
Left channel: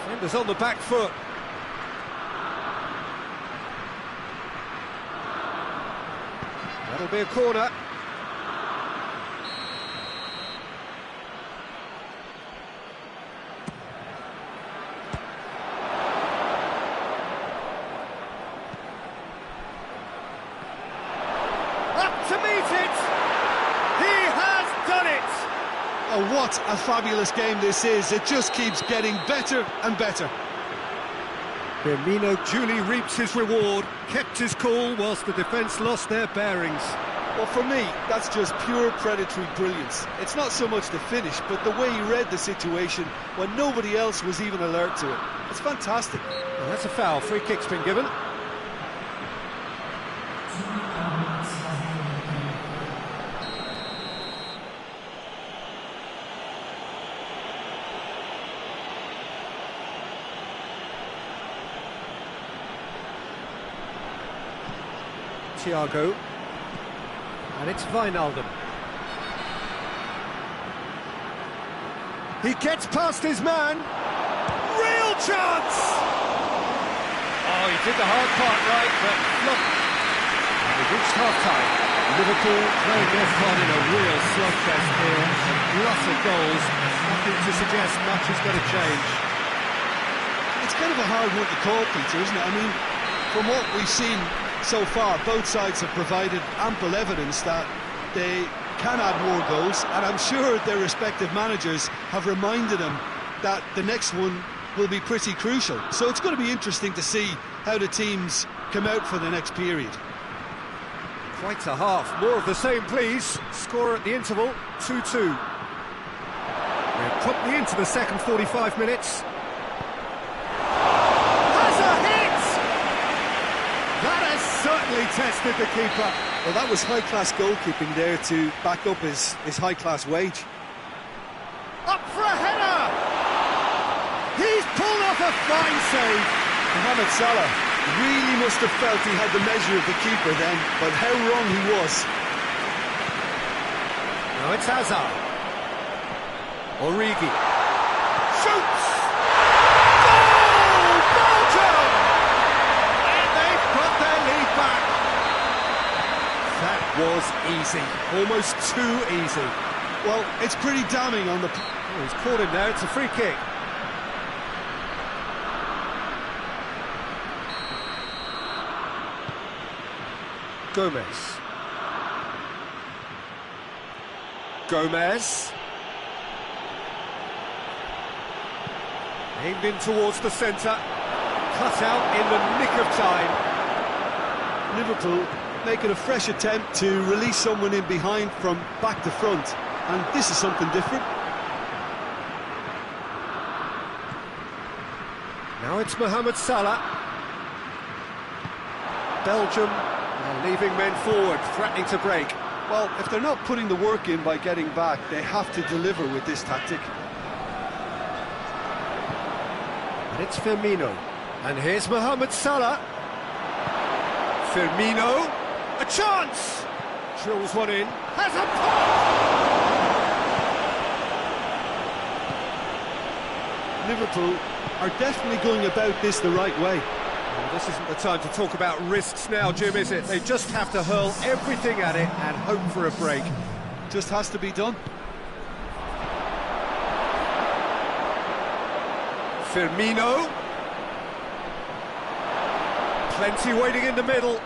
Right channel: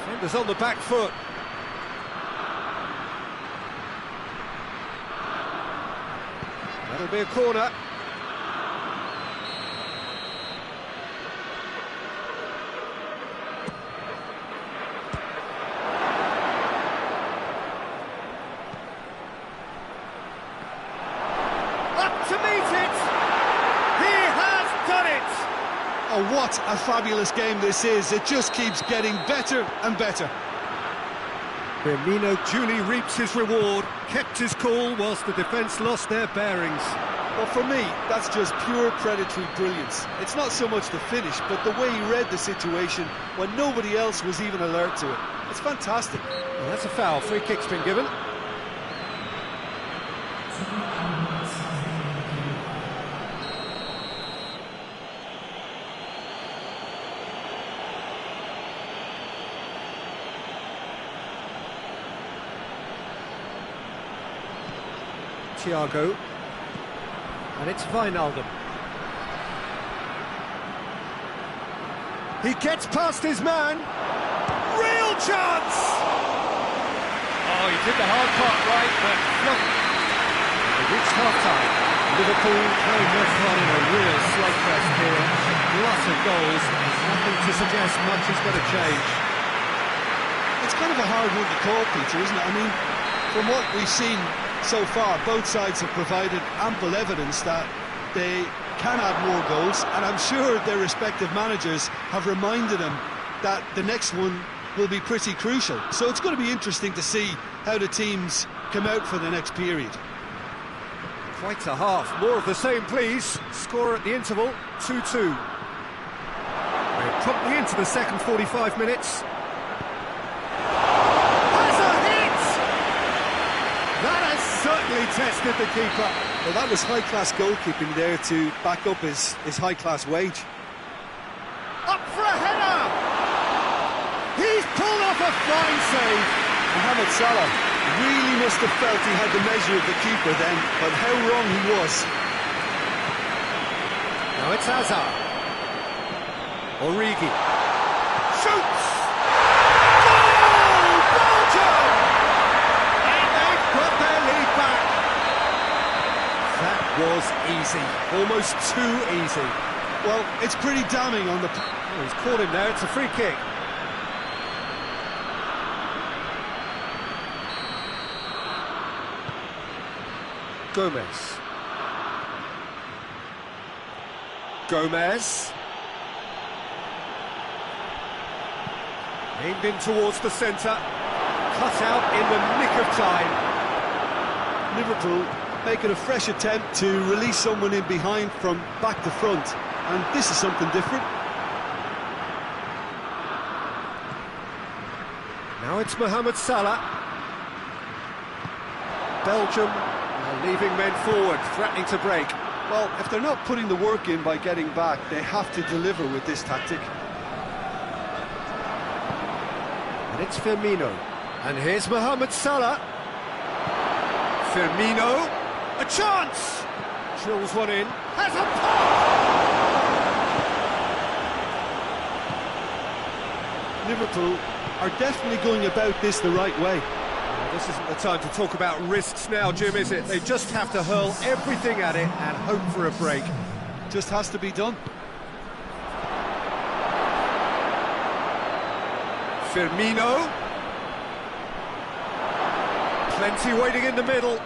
Defenders on the back foot. That'll be a corner. Up to meet it! He has done it! Oh, what a fabulous game this is. It just keeps getting better and better. Firmino duly reaps his reward, kept his cool whilst the defence lost their bearings. Well, for me, that's just pure predatory brilliance. It's not so much the finish, but the way he read the situation when nobody else was even alert to it. It's fantastic. Well, that's a foul. Free kick's been given. Thiago, and it's Wijnaldum. He gets past his man. Real chance! Oh, he did the hard part right, but look. They've reached half-time. Liverpool playing their part in a real slugfest here. A glut of goals, and nothing to suggest much is going to change. It's kind of a hard one to call, Peter, isn't it? I mean, from what we've seen so far, both sides have provided ample evidence that they can add more goals, and I'm sure their respective managers have reminded them that the next one will be pretty crucial. So it's going to be interesting to see how the teams come out for the next period. Quite a half. More of the same, please. Score at the interval, 2-2. We're promptly into the second 45 minutes. That has certainly tested the keeper. Well, that was high-class goalkeeping there to back up his high-class wage. Up for a header! He's pulled off a fine save. Mohamed Salah really must have felt he had the measure of the keeper then, but how wrong he was. Now it's Azka. Origi. Shoots! Goal! Belgium! Got their lead back. That was easy, almost too easy. Well, it's pretty damning on the... Oh, he's caught him there, it's a free kick. Gomez. Aimed in towards the centre. Cut out in the nick of time. Liverpool making a fresh attempt to release someone in behind from back to front, and this is something different. Now it's Mohamed Salah. Belgium are leaving men forward, threatening to break. Well, if they're not putting the work in by getting back, they have to deliver with this tactic. And it's Firmino. And here's Mohamed Salah. Firmino, a chance! Drills one in, has a pop! Liverpool are definitely going about this the right way. Well, this isn't the time to talk about risks now, Jim, is it? They just have to hurl everything at it and hope for a break. Just has to be done. Firmino. Plenty waiting in the middle.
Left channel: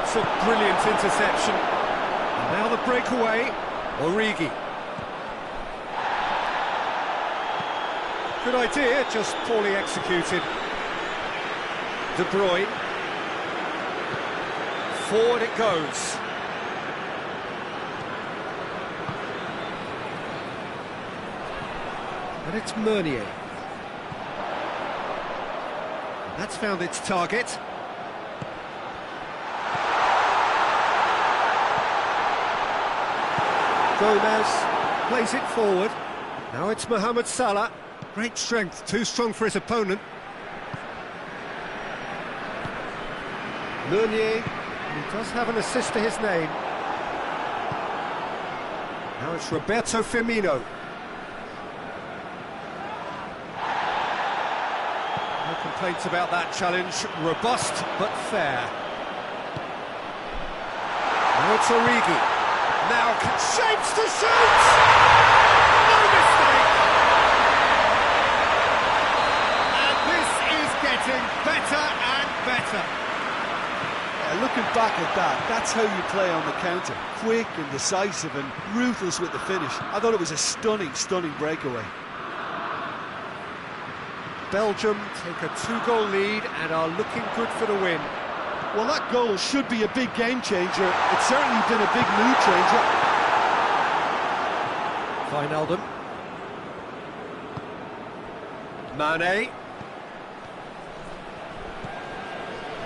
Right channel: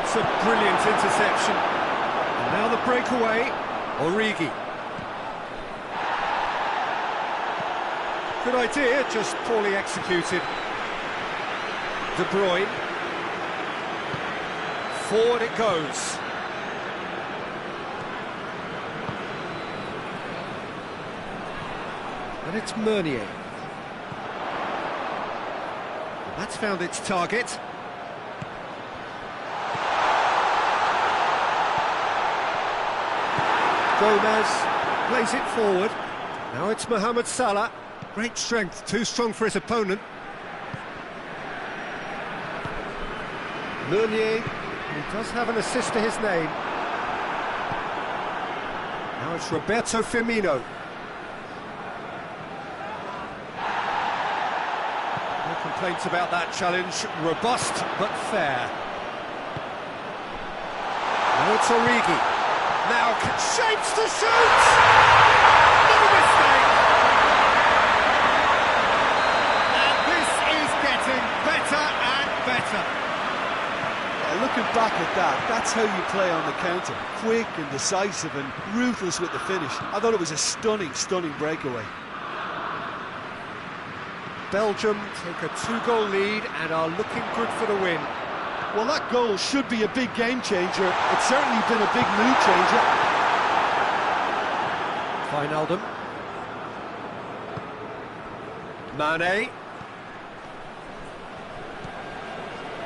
It's a brilliant interception. And now the breakaway. Origi. Good idea, just poorly executed. De Bruyne. Forward it goes. And it's Meunier. And that's found its target. Gomez plays it forward. Now it's Mohamed Salah. Great strength, too strong for his opponent. Meunier, he does have an assist to his name. Now it's Roberto Firmino. No complaints about that challenge. Robust but fair. Now it's Origi. Now shapes to shoot! No mistake! And this is getting better and better. Yeah, looking back at that, that's how you play on the counter. Quick and decisive and ruthless with the finish. I thought it was a stunning, stunning breakaway. Belgium take a 2-goal lead and are looking good for the win. Well, that goal should be a big game changer. It's certainly been a big mood changer. Wijnaldum. Mane.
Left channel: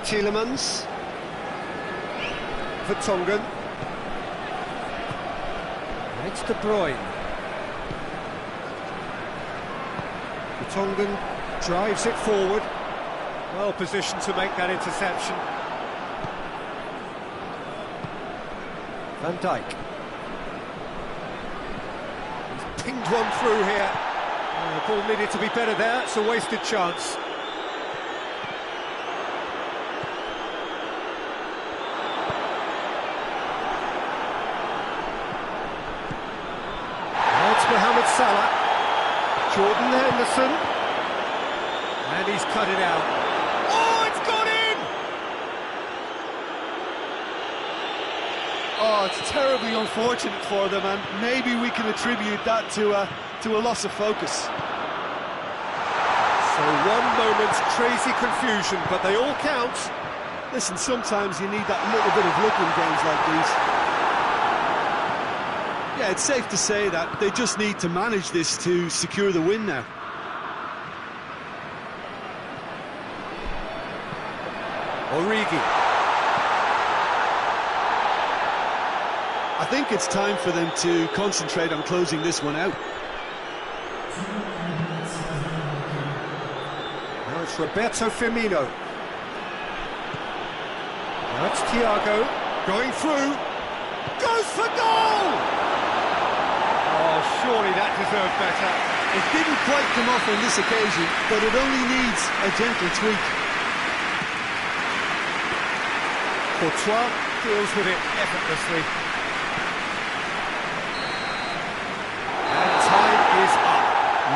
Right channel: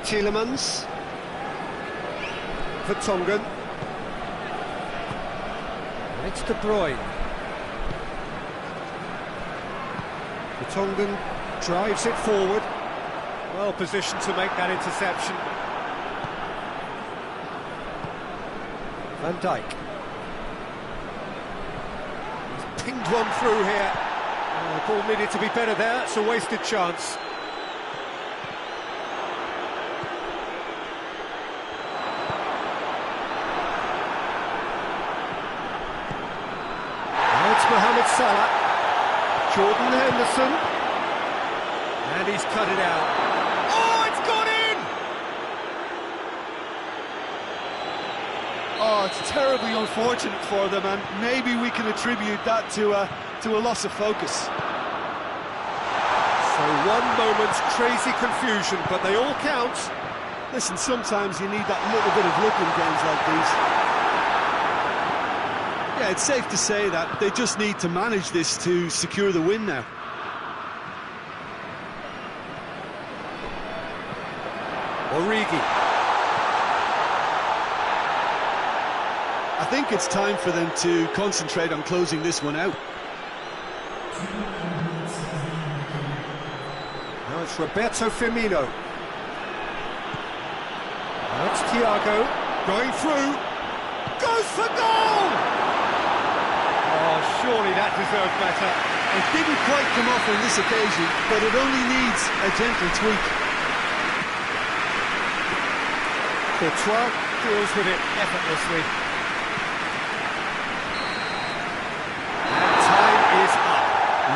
Tielemans. Vertonghen. And it's De Bruyne. Vertonghen drives it forward. Well positioned to make that interception. Van Dijk. He's pinged one through here. The ball needed to be better there. It's a wasted chance. Now it's Mohamed Salah. Jordan Henderson. And he's cut it out. Oh, it's gone in! Oh, it's terribly unfortunate for them, and maybe we can attribute that to a loss of focus. So one moment's crazy confusion, but they all count. Listen, sometimes you need that little bit of luck in games like these. Yeah, it's safe to say that they just need to manage this to secure the win now. Origi. I think it's time for them to concentrate on closing this one out. Now it's Roberto Firmino. Now it's Thiago, going through, goes for goal! Oh, surely that deserved better. It didn't quite come off on this occasion, but it only needs a gentle tweak. Courtois deals with it effortlessly. And time is up.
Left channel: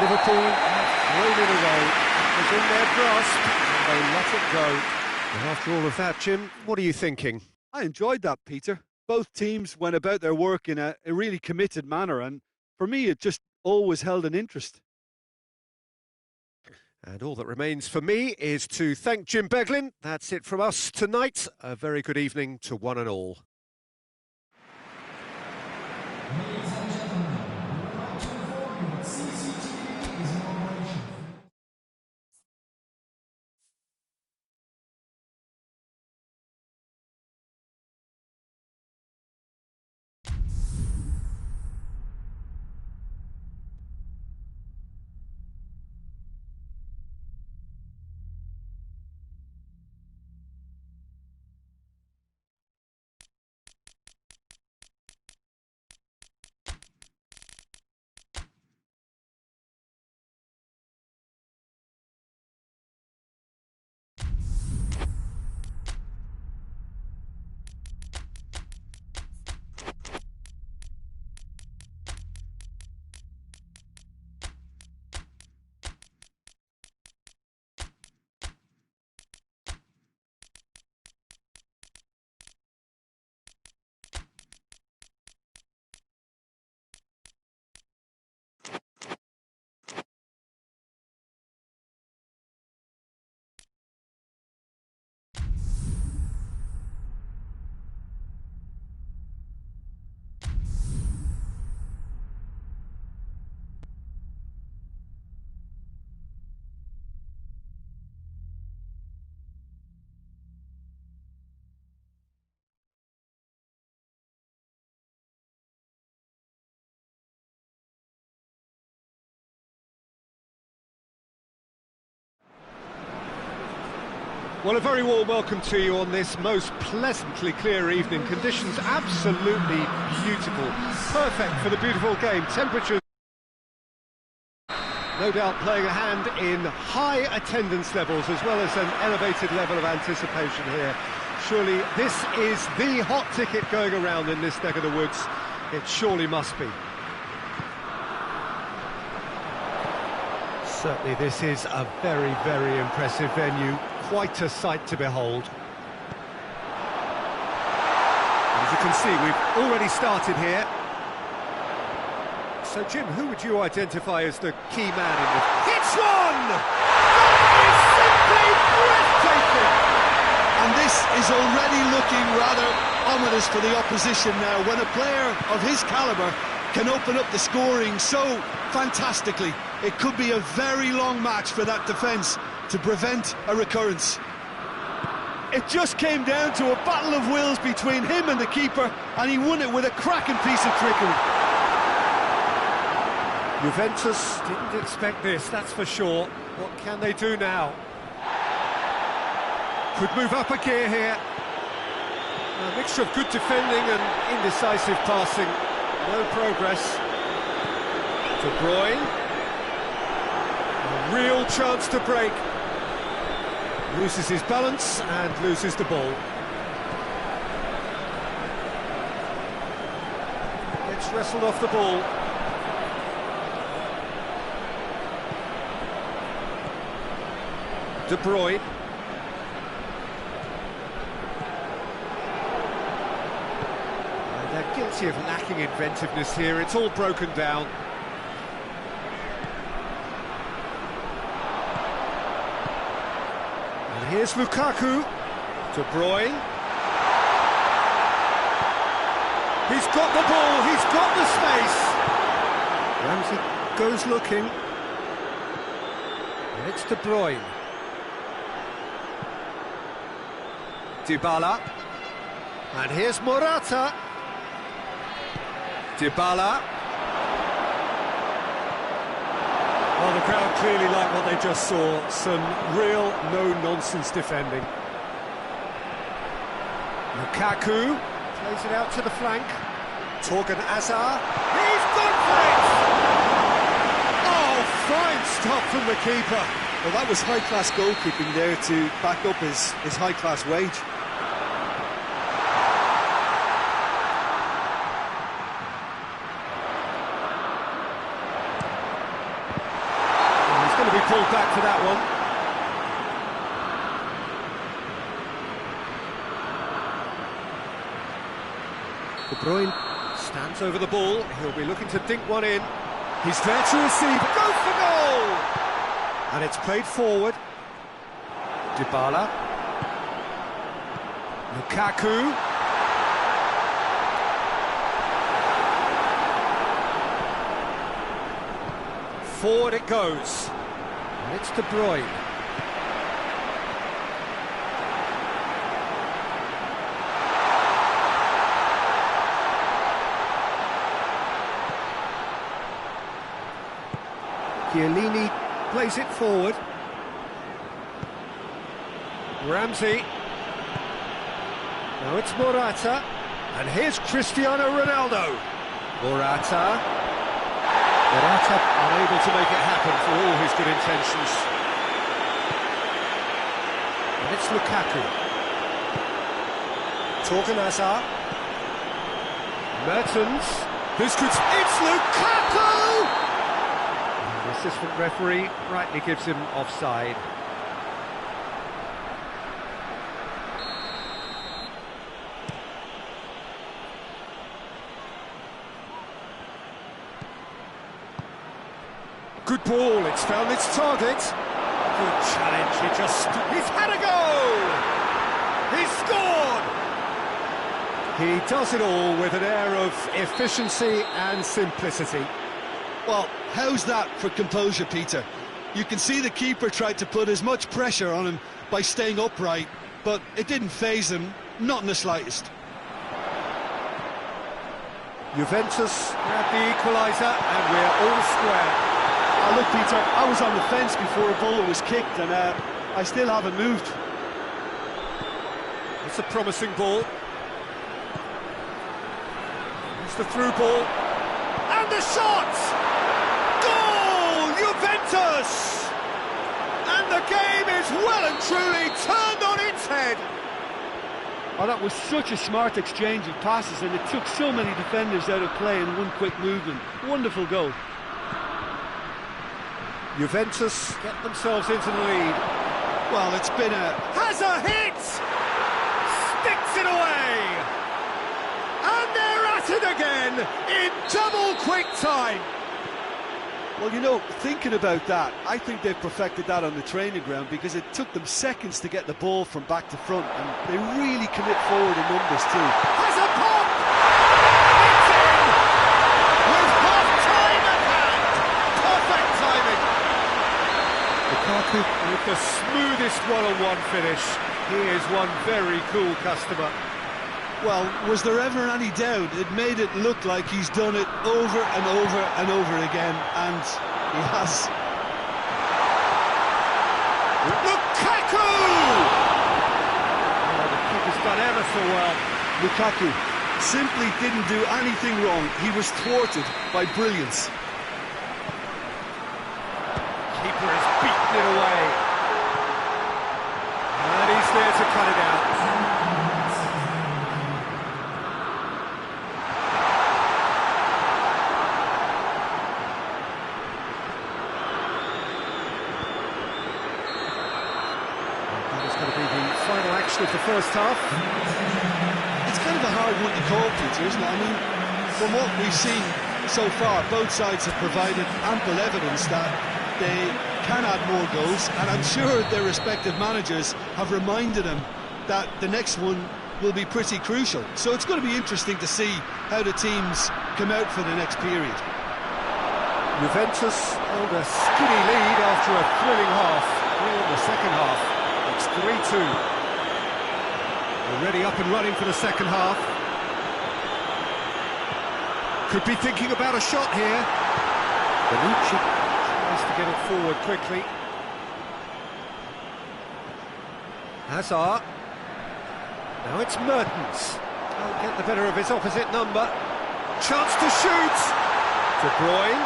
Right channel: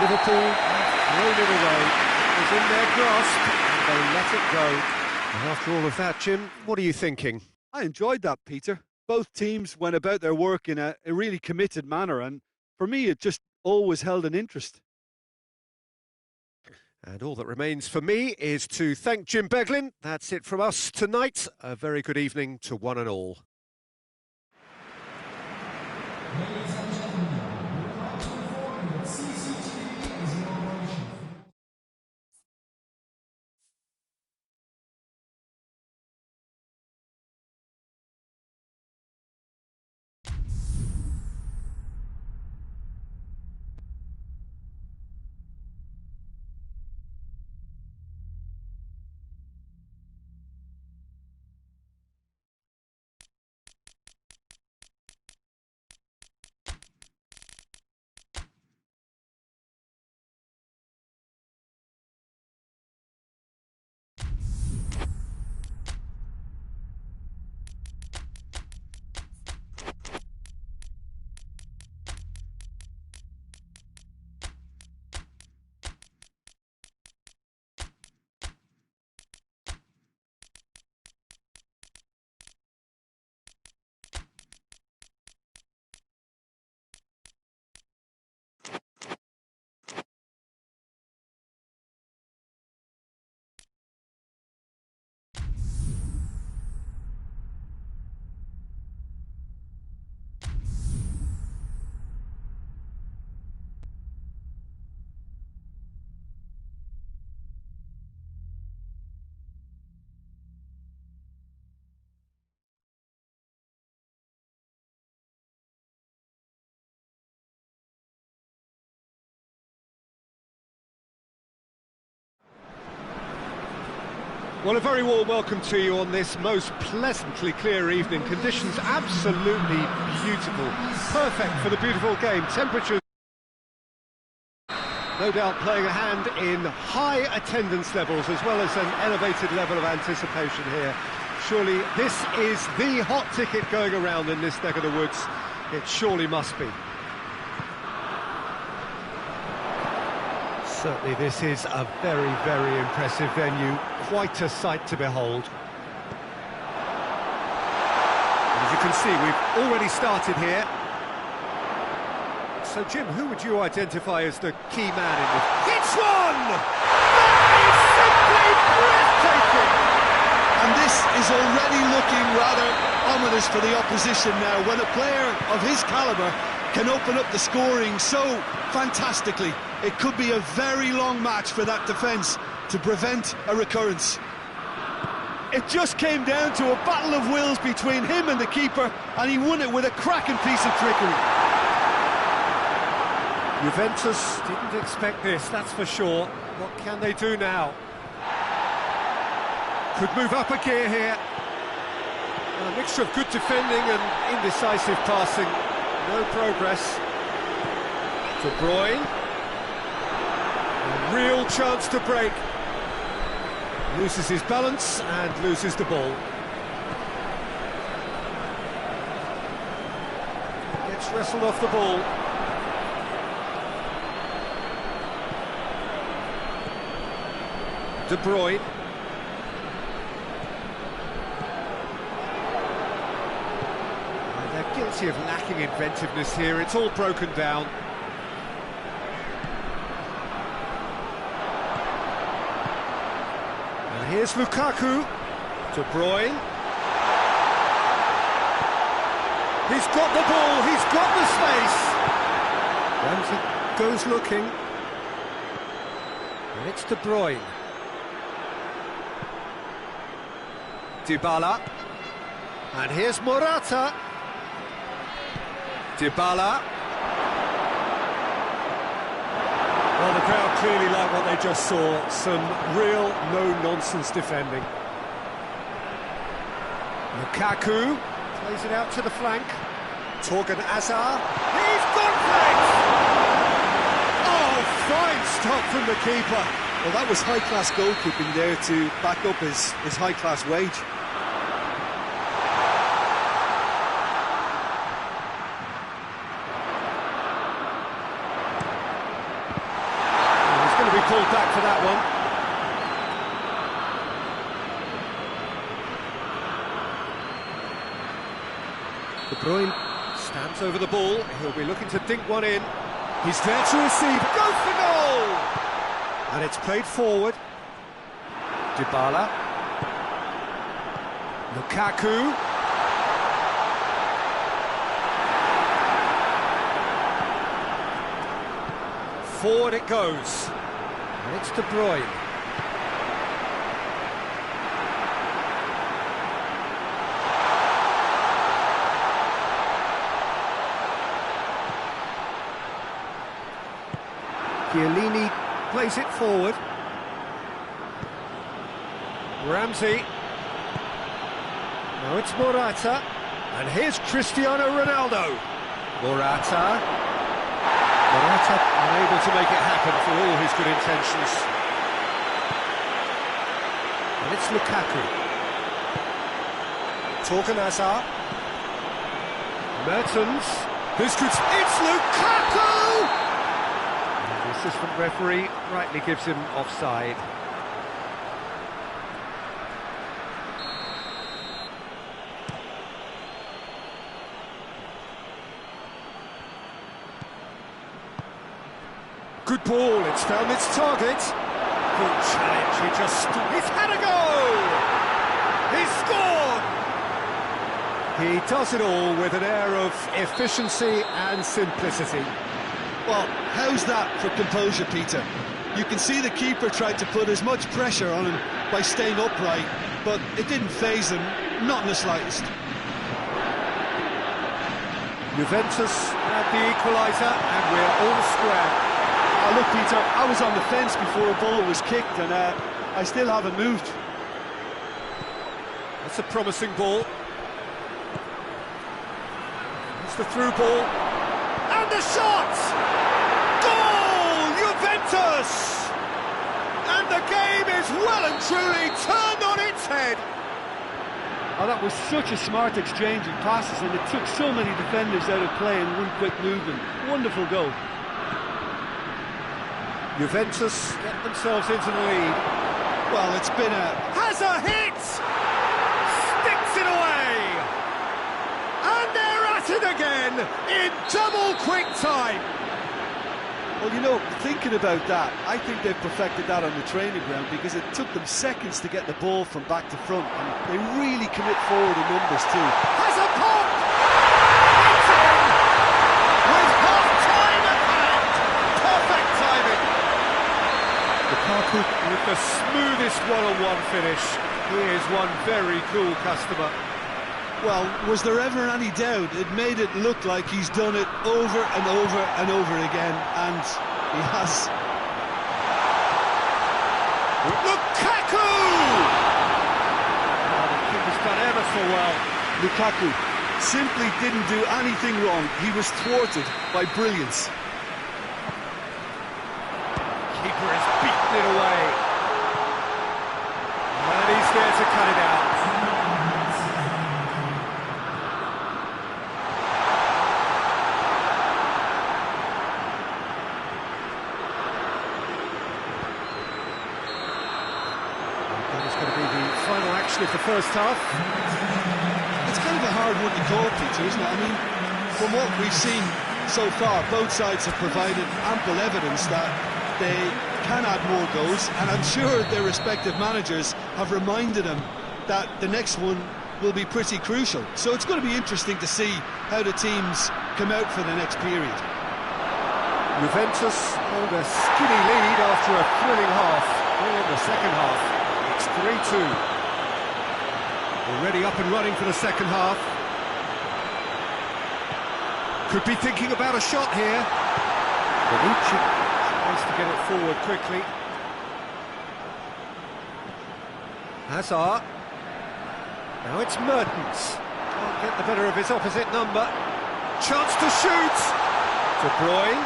Liverpool have thrown it away. It was in their grasp, and they let it go. And after all of that, Jim, what are you thinking? I enjoyed that, Peter. Both teams went about their work in a really committed manner, and for me, it just always held an interest. And all that remains for me is to thank Jim Beglin. That's it from us tonight. A very good evening to one and all. Well, a very warm welcome to you on this most pleasantly clear evening. Conditions absolutely beautiful. Perfect for the beautiful game. Temperatures, no doubt, playing a hand in high attendance levels as well as an elevated level of anticipation here. Surely this is the hot ticket going around in this neck of the woods. It surely must be. Certainly this is a very, very impressive venue. Quite a sight to behold. And as you can see, we've already started here. So, Jim, who would you identify as the key man in this? Hits one! That is simply breathtaking! And this is already looking rather ominous for the opposition now, when a player of his calibre can open up the scoring so fantastically. It could be a very long match for that defence to prevent a recurrence. It just came down to a battle of wills between him and the keeper, and he won it with a cracking piece of trickery. Juventus didn't expect this, that's for sure. What can they do now? Could move up a gear here. A mixture of good defending and indecisive passing. No progress. De Bruyne. A real chance to break. Loses his balance and loses the ball. Gets wrestled off the ball. De Bruyne. And they're guilty of lacking inventiveness here. It's all broken down. And here's Lukaku. De Bruyne. He's got the ball, he's got the space. Ramsey goes looking. And it's De Bruyne. Dybala. And here's Morata. Dybala. Well, the crowd clearly like what they just saw. Some real no-nonsense defending. Lukaku plays it out to the flank. Torgan Hazard. He's gone for it! Oh, fine stop from the keeper. Well, that was high-class goalkeeping there to back up his high-class wage. Going to be pulled back for that one. De Bruyne stands over the ball. He'll be looking to dink one in. He's there to receive. Go for goal! And it's played forward. Dybala. Lukaku. Forward it goes. And it's De Bruyne. Chiellini plays it forward. Ramsey. Now it's Morata. And here's Cristiano Ronaldo. Morata unable to make it happen for all his good intentions. And it's Lukaku. Torgan Hazard. Mertens. It's Lukaku! And the assistant referee rightly gives him offside. Good ball, it's found its target. Good challenge, he's had a go! He's scored! He does it all with an air of efficiency and simplicity. Well, how's that for composure, Peter? You can see the keeper tried to put as much pressure on him by staying upright, but it didn't faze him, not in the slightest. Juventus grab the equaliser and we're all square. Look, Peter, I was on the fence before a ball was kicked and I still haven't moved. It's a promising ball. It's the through ball. And the shot! Goal! Juventus! And the game is well and truly turned on its head. Oh, that was such a smart exchange of passes, and it took so many defenders out of play in one quick movement. Wonderful goal. Juventus get themselves into the lead. Well, it's been a... Has a hit! Sticks it away! And they're at it again in double quick time. Well, you know, thinking about that, I think they've perfected that on the training ground, because it took them seconds to get the ball from back to front, and they really commit forward in numbers too. Has a pop! It's in! With half-time at hand! Perfect timing! Lukaku with the smoothest one-on-one finish. He is one very cool customer. Well, was there ever any doubt? It made it look like he's done it over and over and over again, and he has. Lukaku! Oh, the kick has done ever so well. Lukaku simply didn't do anything wrong. He was thwarted by brilliance. Keeper has beaten it away. And he's there to cut it out. That is going to be the final action of the first half. It's kind of a hard one to call, Peter, isn't it? I mean, from what we've seen so far, both sides have provided ample evidence that they can add more goals, and I'm sure their respective managers have reminded them that the next one will be pretty crucial. So it's going to be interesting to see how the teams come out for the next period. Juventus hold a skinny lead after a thrilling half. Bring on the second half. It's 3-2. Already up and running for the second half. Could be thinking about a shot here. Bonucci tries to get it forward quickly. Hazard. Now it's Mertens. Can't get the better of his opposite number. Chance to shoot. De Bruyne.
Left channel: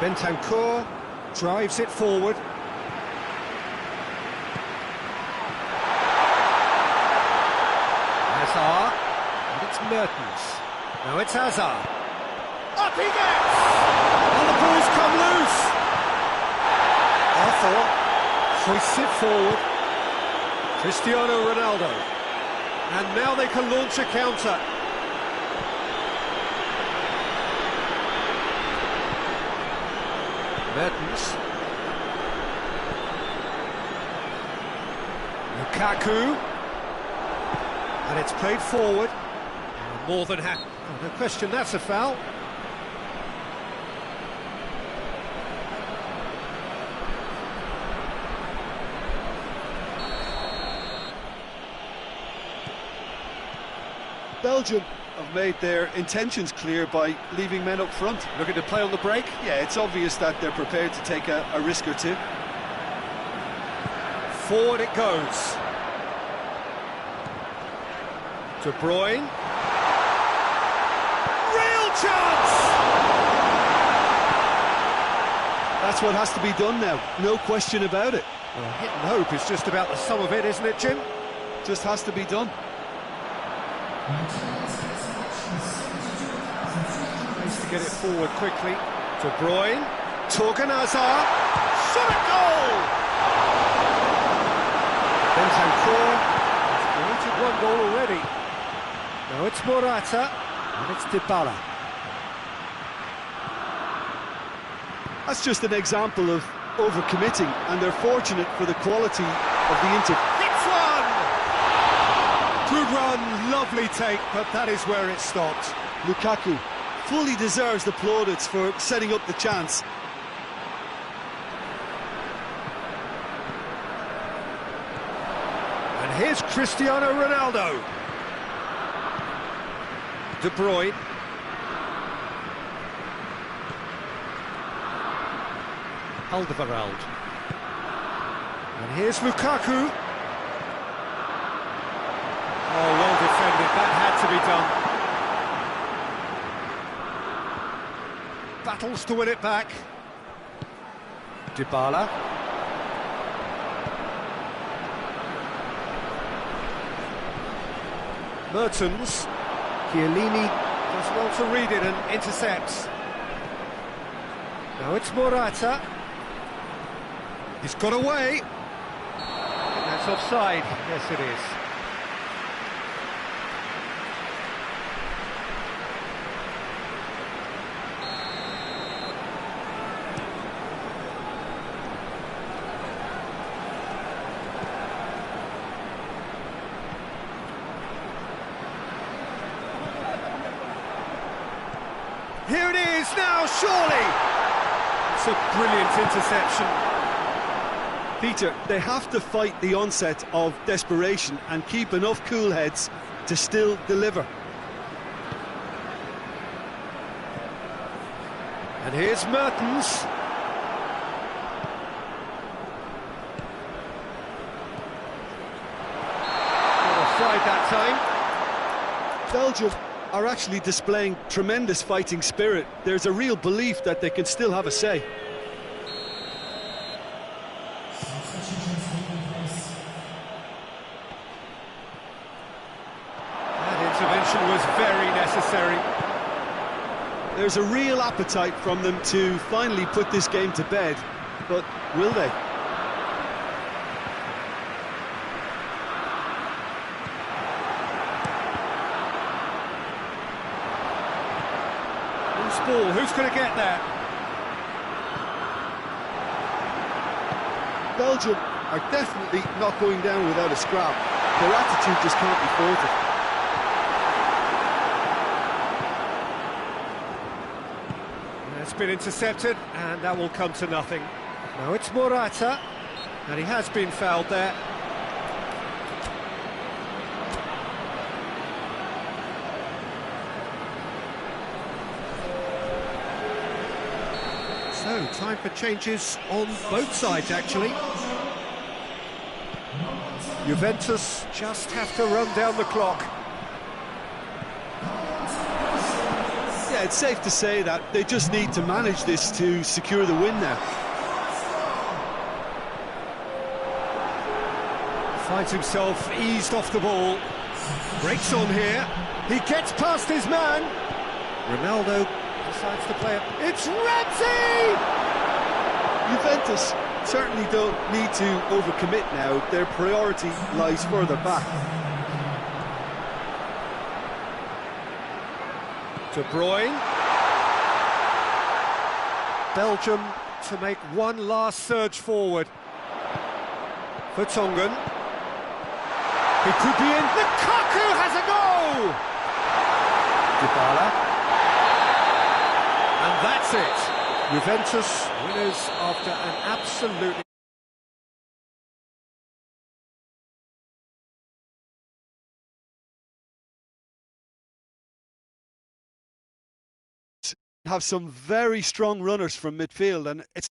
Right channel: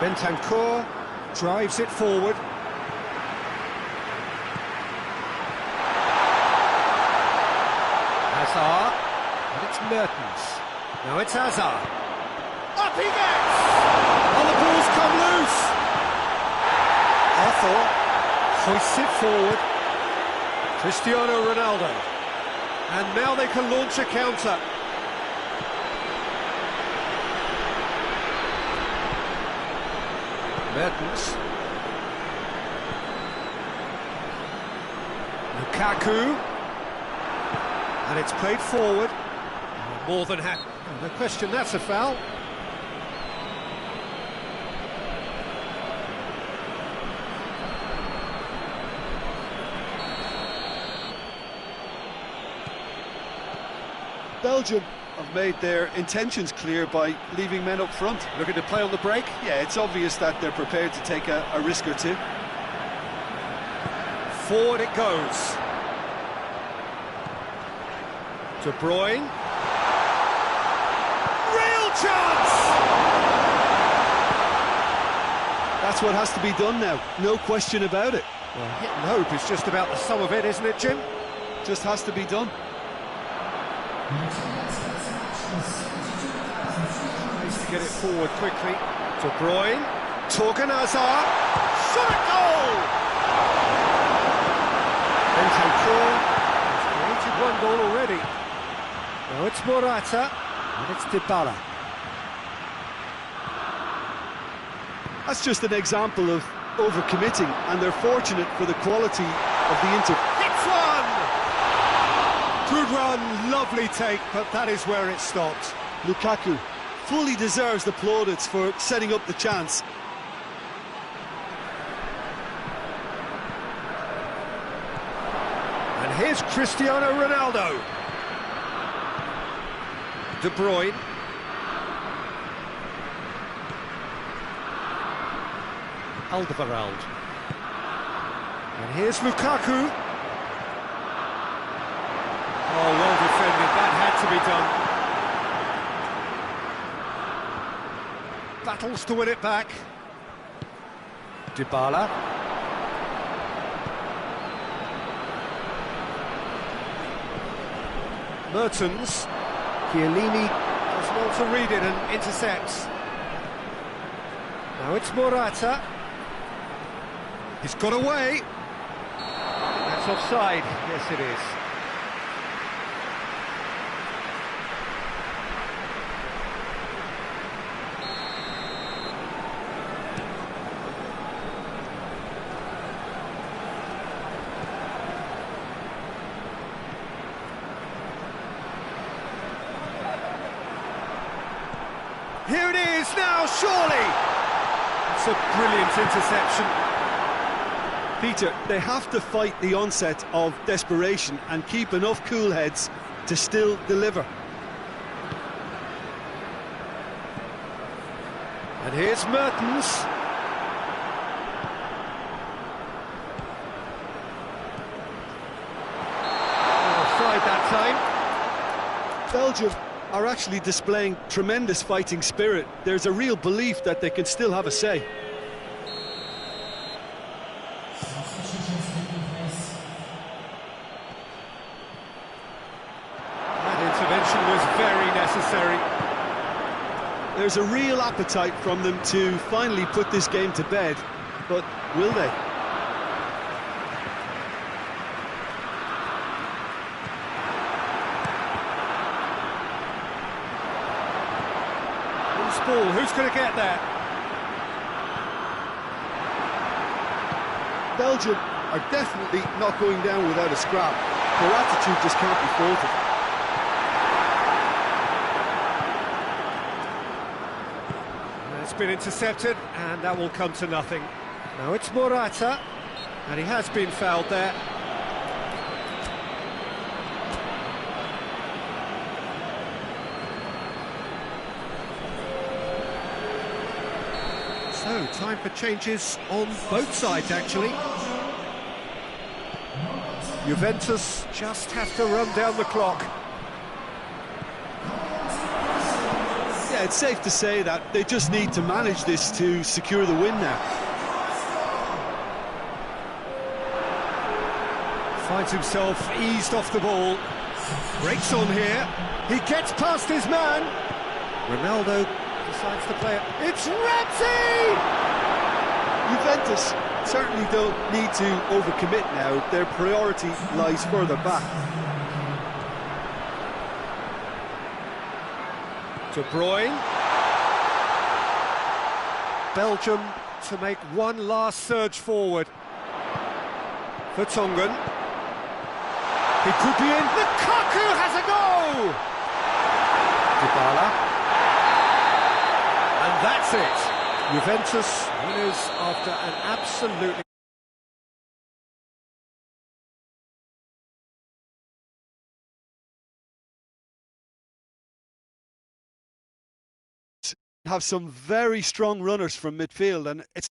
Bentancur drives it forward. Hazard. And it's Mertens. Now it's Azka. Up he gets! And the ball's come loose! Arthur hoists it forward. Cristiano Ronaldo. And now they can launch a counter. Mertens. Lukaku. And it's played forward. More than happy. Oh, no question, that's a foul. Belgium have made their intentions clear by leaving men up front. Looking to play on the break? Yeah, it's obvious that they're prepared to take a risk or two. Forward it goes. De Bruyne. Real chance! That's what has to be done now, no question about it. Well, hit and hope is just about the sum of it, isn't it, Jim? Just has to be done. Tries to get it forward quickly. De Bruyne. Torgan Hazard. Shot at goal! Bentancur has created one goal already. Now it's Morata, and it's Dybala. That's just an example of overcommitting, and they're fortunate for the quality of the Inter. Hits one! Good run, lovely take, but that is where it stopped. Lukaku fully deserves the plaudits for setting up the chance. And here's Cristiano Ronaldo. De Bruyne. Alderweireld. And here's Lukaku. Oh, well defended, that had to be done. Battles to win it back. Dybala. Mertens. Chiellini does well to read it and intercepts. Now it's Morata. He's got away. I think that's offside. Yes, it is. Here it is now, surely! It's a brilliant interception. Peter, they have to fight the onset of desperation and keep enough cool heads to still deliver. And here's Mertens. Not offside that time. Belgium are actually displaying tremendous fighting spirit. There's a real belief that they can still have a say. That intervention was very necessary. There's a real appetite from them to finally put this game to bed, but will they? Loose ball, who's going to get there? Belgium are definitely not going down without a scrap. Their attitude just can't be faulted. It's been intercepted, and that will come to nothing. Now it's Morata, and he has been fouled there. So, time for changes on both sides, actually. Juventus just have to run down the clock. Yeah, it's safe to say that they just need to manage this to secure the win now. Finds himself eased off the ball. Breaks on here. He gets past his man. Ronaldo decides to play it. It's Ramsey! Juventus certainly don't need to overcommit now. Their priority lies further back. De Bruyne. Belgium to make one last surge forward. Vertonghen. He could be in. Lukaku has a go! Dybala. And that's it. Juventus winners after an absolutely have some very strong runners from midfield, and it's